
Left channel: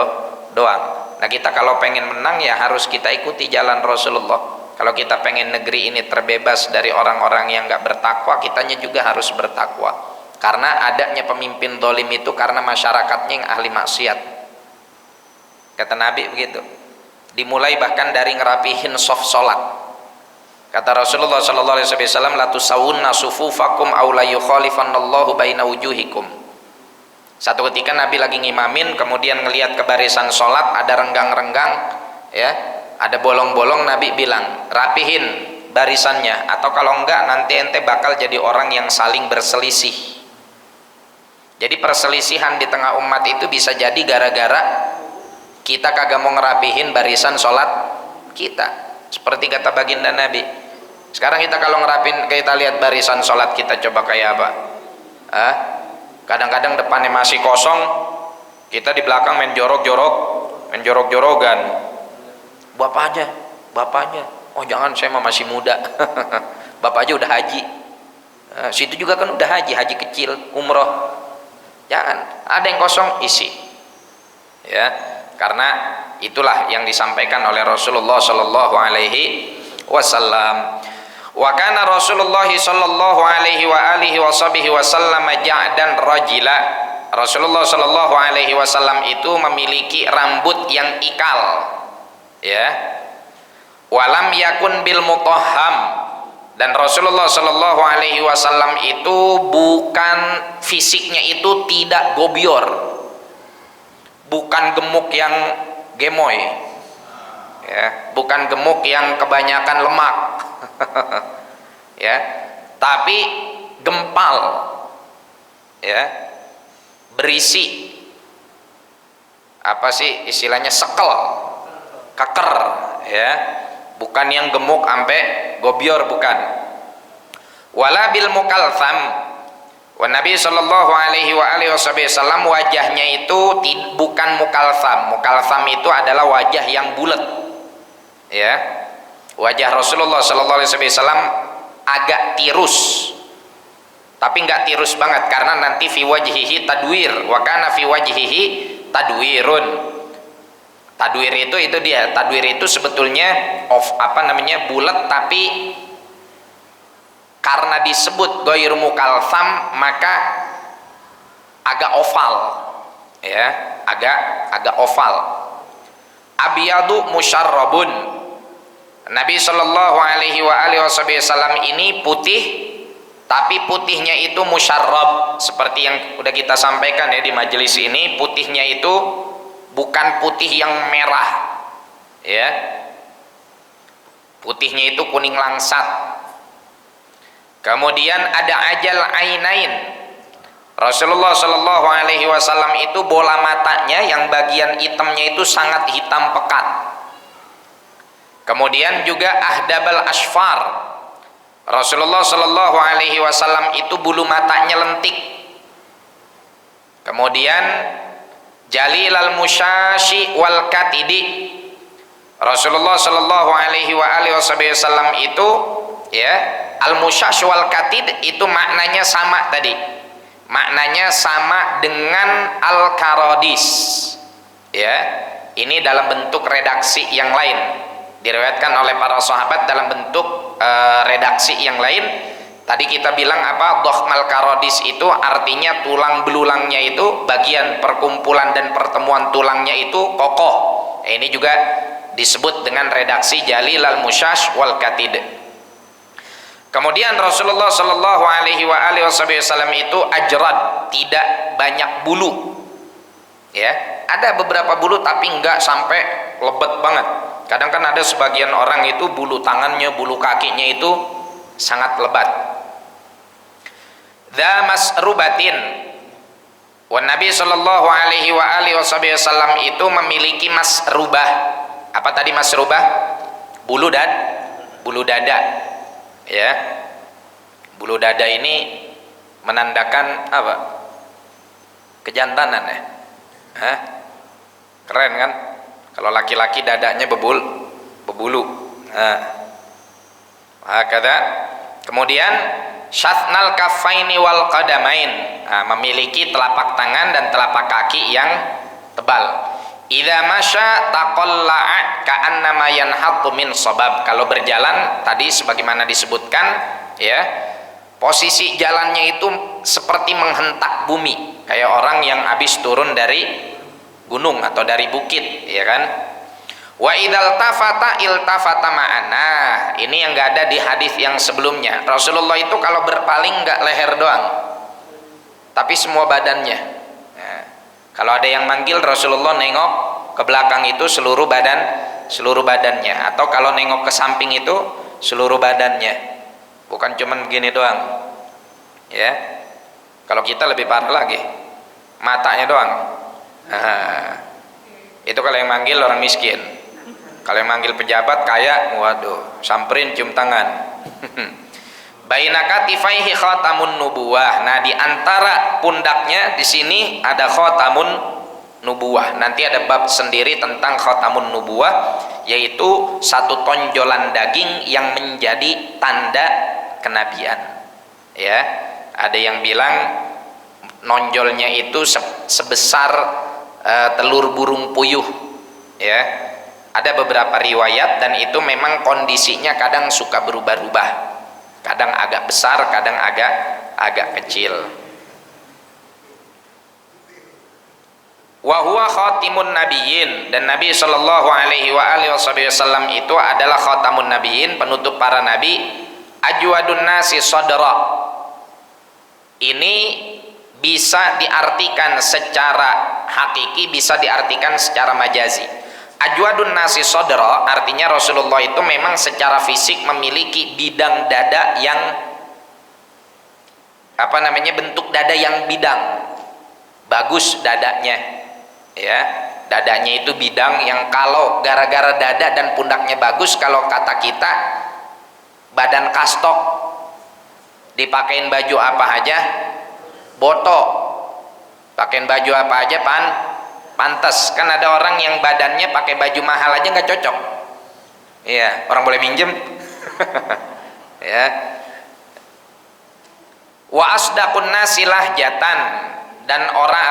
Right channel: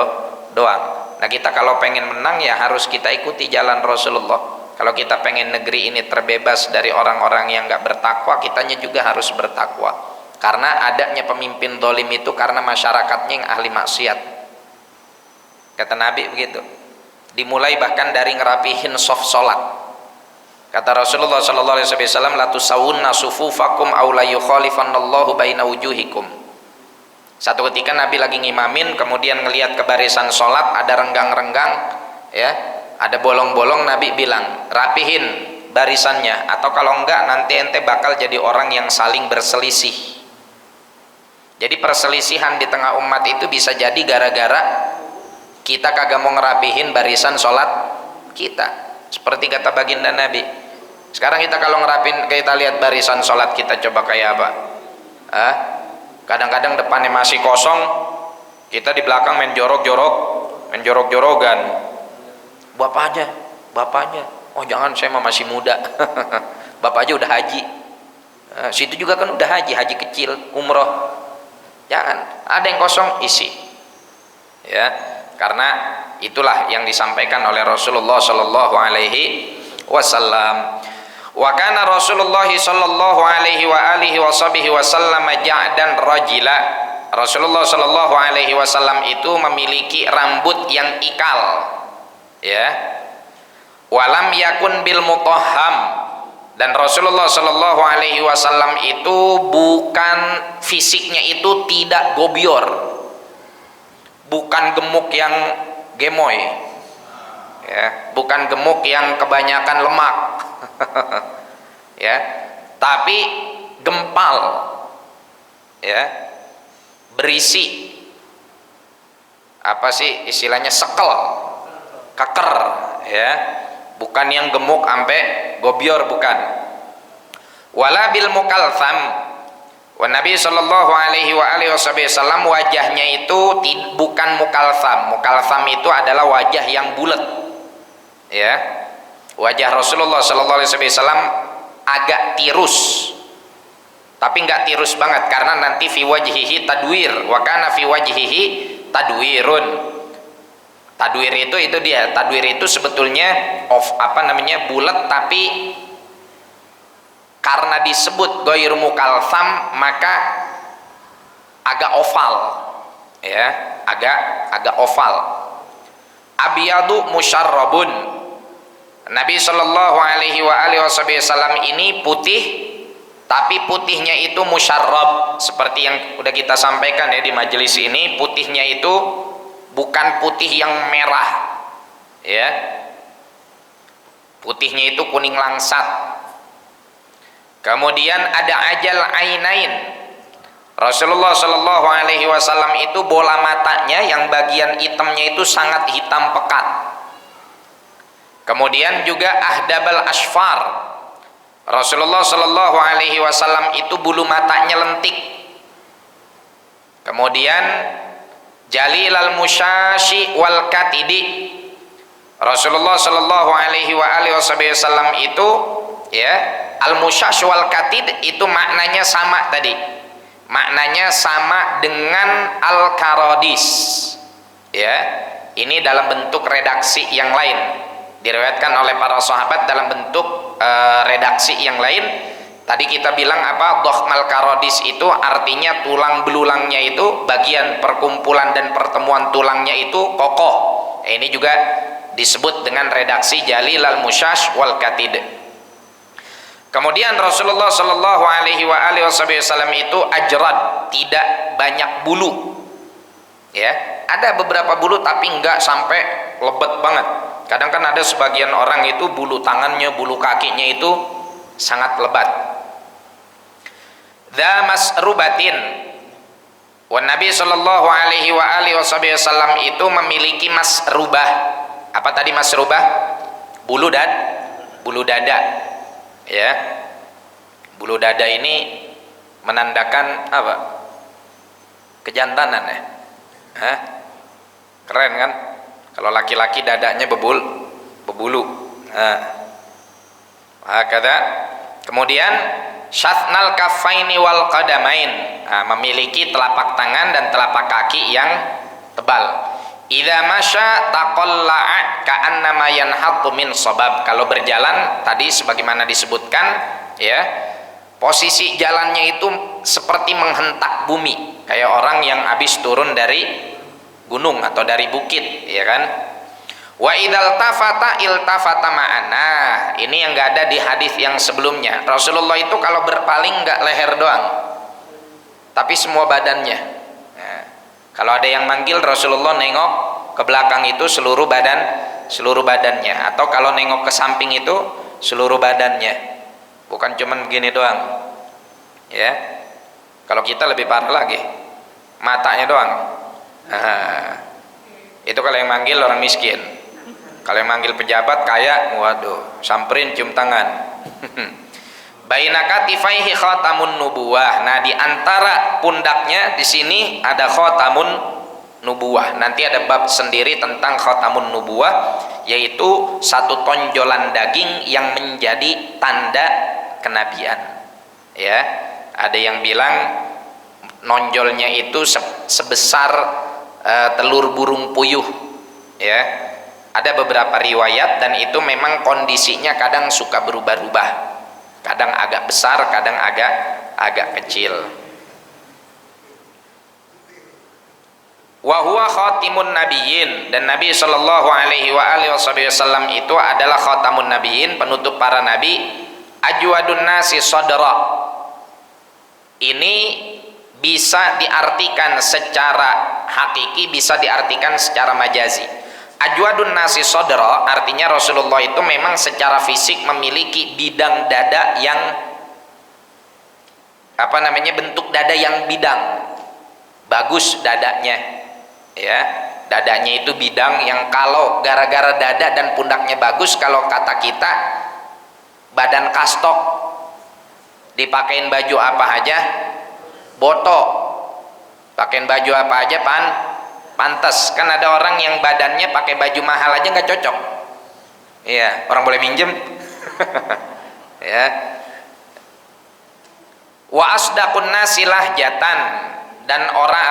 doang. Nah, kita kalau pengen menang ya harus kita ikuti jalan Rasulullah. Kalau kita pengen negeri ini terbebas dari orang-orang yang nggak bertakwa, kitanya juga harus bertakwa. Karena adanya pemimpin dolim itu karena masyarakatnya yang ahli maksiat. Kata Nabi begitu. Dimulai bahkan dari ngerapihin soft sholat. Kata Rasulullah sallallahu alaihi wasallam, la tusawunna sufufakum aw la yukhalifannallahu baina wujuhikum. Satu ketika Nabi lagi ngimamin, kemudian ngelihat ke barisan salat ada renggang-renggang, ya, ada bolong-bolong, Nabi bilang, "Rapihin, barisannya, atau kalau enggak nanti ente bakal jadi orang yang saling berselisih. Jadi perselisihan di tengah umat itu bisa jadi gara-gara kita kagak mau ngerapihin barisan sholat kita. Seperti kata baginda Nabi, sekarang kita kalau ngerapin, kita lihat barisan sholat kita coba kayak apa. Kadang-kadang depannya masih kosong, kita di belakang main jorok-jorogan. Bapaknya, oh jangan, saya masih muda. Bapak aja udah haji, situ juga kan udah haji kecil, umroh. Jangan, ada yang kosong isi, ya, karena itulah yang disampaikan oleh Rasulullah Shallallahu Alaihi Wasallam. Wa kana Rasulullah Shallallahu Alaihi Wasallam ja'dan rajila. Rasulullah Shallallahu Alaihi Wasallam itu memiliki rambut yang ikal, ya. Walam yakun bil mutahham. Dan Rasulullah Shallallahu Alaihi Wasallam itu bukan fisiknya itu tidak gobior, bukan gemuk yang gemoy, ya, bukan gemuk yang kebanyakan lemak, ya, tapi gempal, ya, berisi, apa sih istilahnya, sekel, keker, ya. Bukan yang gemuk sampai gobior, bukan. Wala bil mukaltham. Wa Nabi sallallahu alaihi wasallam wajahnya itu bukan mukaltham. Mukaltham itu adalah wajah yang bulat. Ya. Wajah Rasulullah sallallahu alaihi wasallam agak tirus. Tapi enggak tirus banget karena nanti fi wajhihi tadwir, wa kana fi wajhihi tadwirun. Tadwir itu dia. Tadwir itu sebetulnya bulat, tapi karena disebut ghairu mukaltham maka agak oval, ya, agak oval. Abyadu musyarrabun. Nabi sallallahu alaihi wasallam ini putih, tapi putihnya itu musyarrab, seperti yang udah kita sampaikan ya di majelis ini. Putihnya itu bukan putih yang merah, ya, putihnya itu kuning langsat. Kemudian ada ajal ainain. Rasulullah Shallallahu Alaihi Wasallam itu bola matanya yang bagian hitamnya itu sangat hitam pekat. Kemudian juga ahdabal asfar. Rasulullah Shallallahu Alaihi Wasallam itu bulu matanya lentik. Kemudian jalil al musyashi wal katidi. Rasulullah Shallallahu Alaihi Wasallam itu, ya, al musyash wal katid itu maknanya sama tadi, maknanya sama dengan al karodis, ya. Ini dalam bentuk redaksi yang lain, diriwayatkan oleh para sahabat dalam bentuk redaksi yang lain. Tadi kita bilang apa? Dohmal karodis itu artinya tulang belulangnya itu, bagian perkumpulan dan pertemuan tulangnya itu kokoh. Ini juga disebut dengan redaksi jalil al musyash wal katid. Kemudian Rasulullah Shallallahu Alaihi Wasallam itu ajrad, tidak banyak bulu, ya. Ada beberapa bulu tapi enggak sampai lebat banget. Kadang kan ada sebagian orang itu bulu tangannya, bulu kakinya itu sangat lebat. Dza masrubatin. Wa Nabi sallallahu alaihi wasallam itu memiliki masrubah. Apa tadi masrubah? Bulu dada. Ya. Bulu dada ini menandakan apa? Kejantanan, ya. Keren kan? Kalau laki-laki dadanya bebulu. Hakada. Kemudian syatnal kaffaini wal qadamain, memiliki telapak tangan dan telapak kaki yang tebal. Idza masya taqalla'a ka'annama yanhattu min sabab. Kalau berjalan tadi sebagaimana disebutkan, ya, posisi jalannya itu seperti menghentak bumi, kayak orang yang habis turun dari gunung atau dari bukit, ya kan? Wa idzal tafata iltafata ma'ana. Ini yang enggak ada di hadis yang sebelumnya. Rasulullah itu kalau berpaling enggak leher doang, tapi semua badannya. Nah, kalau ada yang manggil, Rasulullah nengok ke belakang itu seluruh badannya, atau kalau nengok ke samping itu seluruh badannya, bukan cuman begini doang. Ya, kalau kita lebih parah lagi, matanya doang. Itu kalau yang manggil orang miskin. Kalau yang manggil pejabat kaya, waduh, samperin cium tangan. Baina katifaihi khatamun nubuwah. Nah, di antara pundaknya di sini ada khatamun nubuwah. Nanti ada bab sendiri tentang khatamun nubuwah, yaitu satu tonjolan daging yang menjadi tanda kenabian. Ya, ada yang bilang nonjolnya itu sebesar telur burung puyuh. Ya, ada beberapa riwayat dan itu memang kondisinya kadang suka berubah-ubah. Kadang agak besar, kadang agak kecil. Wa huwa khatimun nabiyyin, dan Nabi sallallahu alaihi wasallam itu adalah khatamun nabiyyin, penutup para nabi. Ajwadun nasi sadra. Ini bisa diartikan secara hakiki, bisa diartikan secara majazi. Ajwadun nasi sodra artinya Rasulullah itu memang secara fisik memiliki bidang dada yang bentuk dada yang bidang, bagus dadanya. Ya, dadanya itu bidang yang kalau gara-gara dada dan pundaknya bagus, kalau kata kita badan kastok, dipakein baju apa aja botok, pakein baju apa aja pantas. Kan ada orang yang badannya pakai baju mahal aja nggak cocok. Iya, orang boleh minjem. Ya. Wa asdaqun nasi lahjatan, dan orang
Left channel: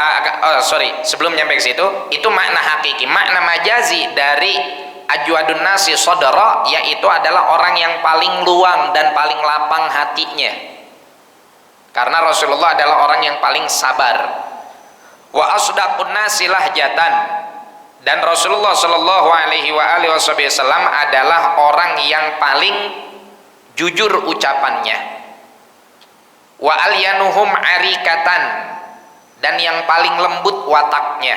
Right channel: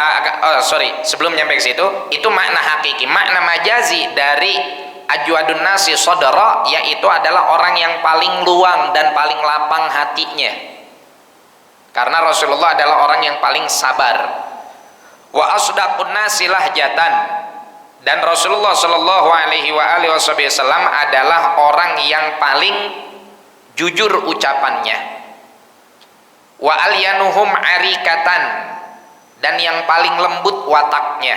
sebelum nyampe ke situ, itu makna hakiki. Makna majazi dari ajwadun nasi sodara yaitu adalah orang yang paling luang dan paling lapang hatinya. Karena Rasulullah adalah orang yang paling sabar. Wa asdaqun nasi lahjatan, dan Rasulullah sallallahu alaihi wasallam adalah orang yang paling jujur ucapannya. Wa alyanuhum arikatan, dan yang paling lembut wataknya.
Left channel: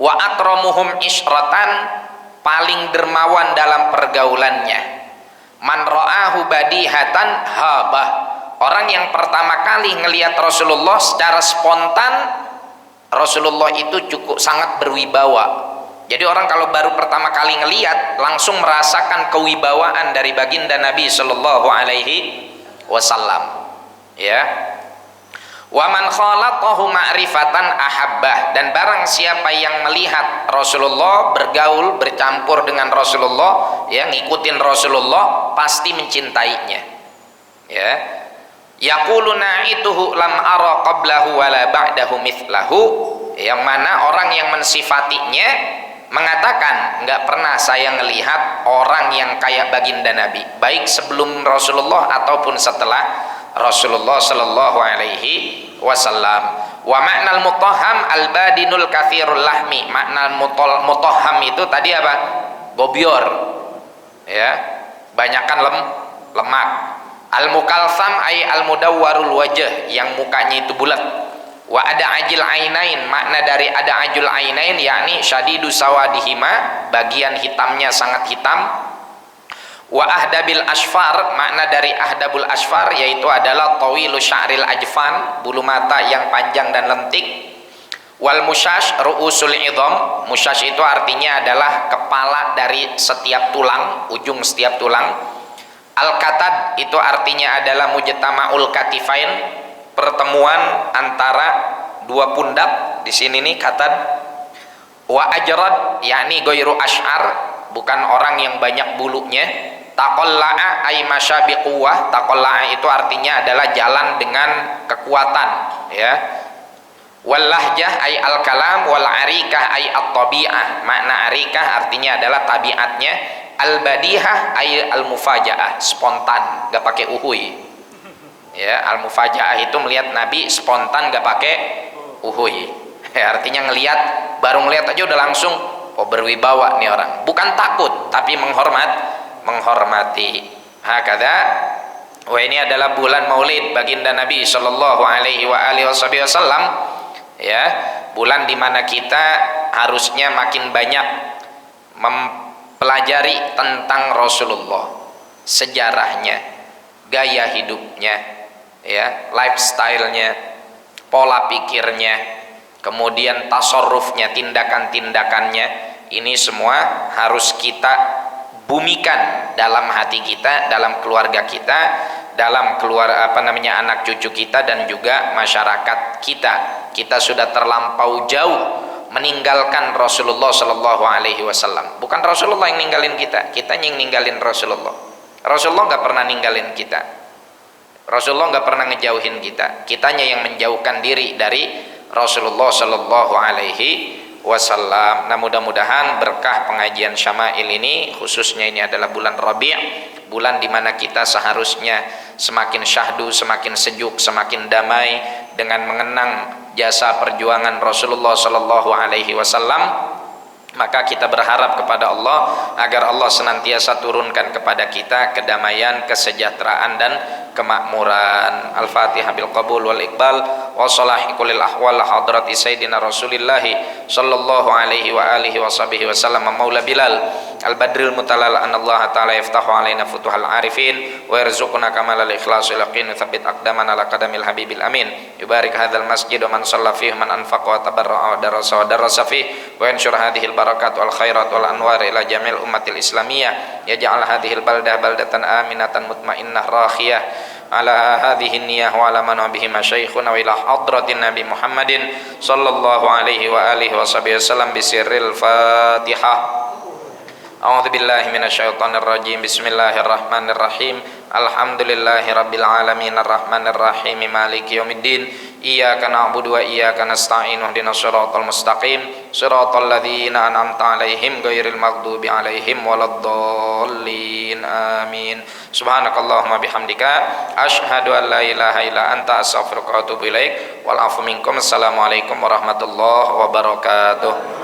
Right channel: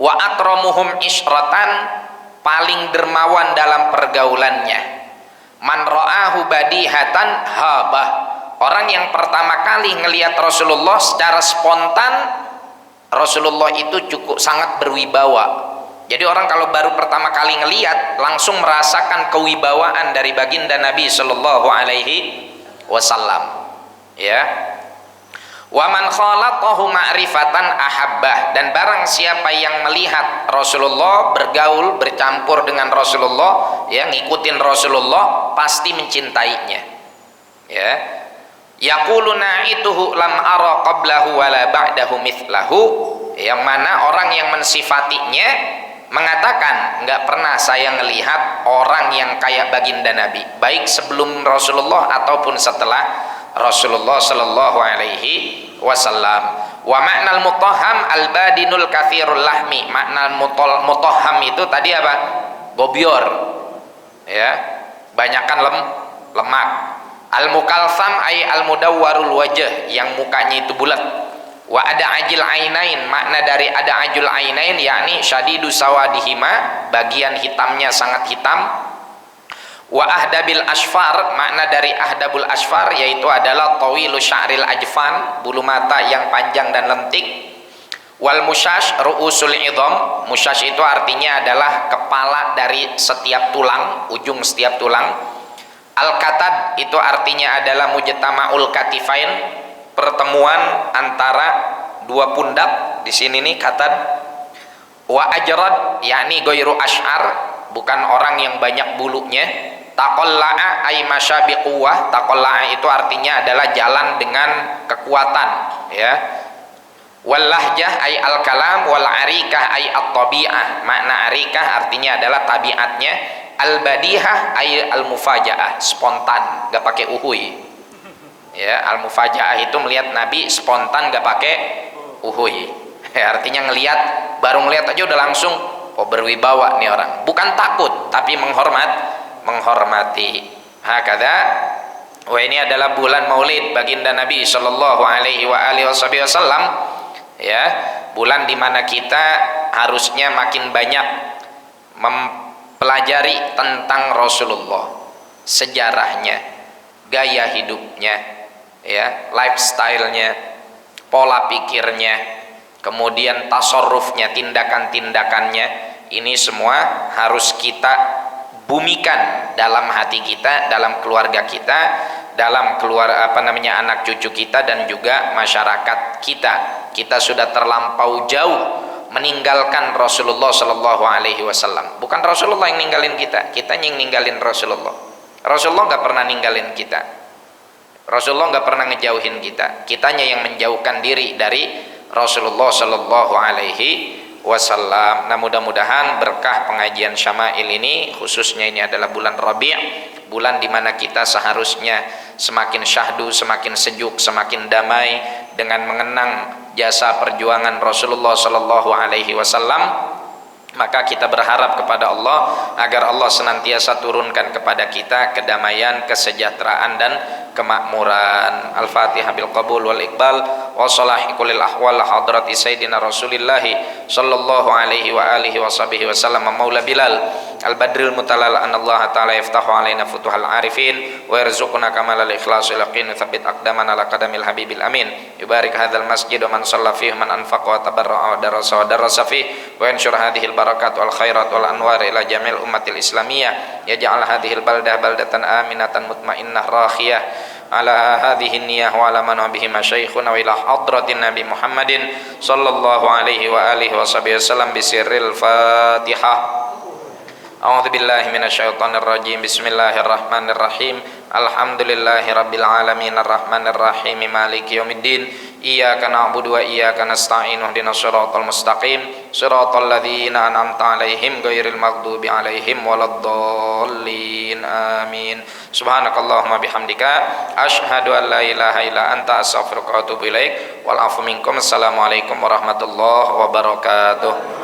Wa akramuhum isyratan, paling dermawan dalam pergaulannya. Man ra'ahu badihatan habah, orang yang pertama kali ngelihat Rasulullah secara spontan, Rasulullah itu cukup sangat berwibawa. Jadi orang kalau baru pertama kali ngelihat langsung merasakan kewibawaan dari baginda Nabi sallallahu alaihi wasallam. Ya. Wa man khalatahu ma'rifatan ahabbah, dan barang siapa yang melihat Rasulullah, bergaul, bercampur dengan Rasulullah, ya, ngikutin Rasulullah, pasti mencintainya. Ya. Yaqulu na'ituhu lam ara qablahu wala ba'dahu mithlahu, yang mana orang yang mensifatinya mengatakan nggak pernah saya melihat orang yang kayak baginda Nabi, baik sebelum Rasulullah ataupun setelah Rasulullah sallallahu alaihi wasallam. Wa ma'nal mutahham al-badinul katsirul lahmi, makna mutahham itu tadi apa? Gobior. Ya, banyakan lemak. Al-mukalsam ay al-mudawwarul wajh, yang mukanya itu bulat. Wa ada ajil ainain, makna dari ada ajul ainain yakni syadidu sawadihima, bagian hitamnya sangat hitam. Wa ahdabil asfar, makna dari ahdabul asfar yaitu adalah tawilu sya'ril ajfan, bulu mata yang panjang dan lentik. Wal musyash ru'usul idham, musyash itu artinya adalah kepala dari setiap tulang, ujung setiap tulang. Al-katad itu artinya adalah mujtama'ul katifain, pertemuan antara dua pundak. Di sini nih katad. Wa ajrad yakni ghairu asy'ar, bukan orang yang banyak bulunya. Taqalla'a ay masya biquwwah, taqalla'a itu artinya adalah jalan dengan kekuatan, ya. Wal lahjah ay al kalam, wal arikah ay at tabi'ah, makna arikah artinya adalah tabiatnya. Al badihah ay al mufajaah, spontan, gak pakai uhui. Ya, al mufajaah itu melihat Nabi spontan, gak pakai uhui. Ya, artinya ngelihat, baru ngelihat aja udah langsung berwibawa nih orang, bukan takut tapi menghormati. Hakadha. Wah, ini adalah bulan Maulid baginda Nabi sallallahu alaihi wasallam, ya, bulan dimana kita harusnya makin banyak mempelajari tentang Rasulullah. sejarahnya, gaya hidupnya, ya, lifestyle-nya, pola pikirnya, kemudian tasarrufnya, tindakan-tindakannya, ini semua harus kita bumikan dalam hati kita, dalam keluarga kita, dalam anak cucu kita, dan juga masyarakat kita. Kita sudah terlampau jauh meninggalkan Rasulullah Shallallahu Alaihi Wasallam. Bukan Rasulullah yang ninggalin kita, kita yang ninggalin Rasulullah. Rasulullah nggak pernah ninggalin kita. Rasulullah nggak pernah ngejauhin kita. Kitanya yang menjauhkan diri dari Rasulullah Shallallahu Alaihi Wasallam. Nah, mudah-mudahan berkah pengajian Syama'il ini, khususnya ini adalah bulan Rabi', bulan dimana kita seharusnya semakin syahdu, semakin sejuk, semakin damai dengan mengenang jasa perjuangan Rasulullah Sallallahu Alaihi Wasallam. Maka kita berharap kepada Allah agar Allah senantiasa turunkan kepada kita kedamaian, kesejahteraan, dan kemakmuran. Al-Fatihah bil qabul wal iqbal wa salahi kulil ahwal hadrati sayyidina Rasulillah sallallahu alaihi wa alihi wa sahbihi wasallam maula Bilal al-badril mutalal an Allah ta'ala yaftahu alaina futuhal arifin wa yarzuquna kamalal ikhlas wal yaqin tsabbit aqdamana ala qadamil habibil amin. Yubarik hadzal masjid wa man shalla fihi man anfaqa wa tabarra'a wa darasa fihi wa yanshur hadhil barakat wal khairat wal anwar ila jamil ummatil islamiyah yaj'al hadhil baldah baldatan aminatan mutmainnah rakhiyah ala hadhihi niyyah wa ala man bihi masyayikhuna wa ila hadratin nabi Muhammadin sallallahu alaihi wa alihi wa sahbihi wasallam bisirril Fatihah. A'udzu billahi minasyaitonir rajim. Bismillahirrahmanirrahim. Alhamdulillahi rabbil alamin arrahmanir rahim maliki yaumiddin. Iyyaka na'budu wa iyyaka nasta'in ihdinas siratal mustaqim siratal ladzina an'amta 'alaihim ghairil maghdubi 'alaihim waladdallin. Amin. Subhanakallahumma bihamdika asyhadu an la ilaha illa anta astaghfiruka wa atubu ilaik. Wal 'afwu minkum. Assalamualaikum warahmatullahi wabarakatuh.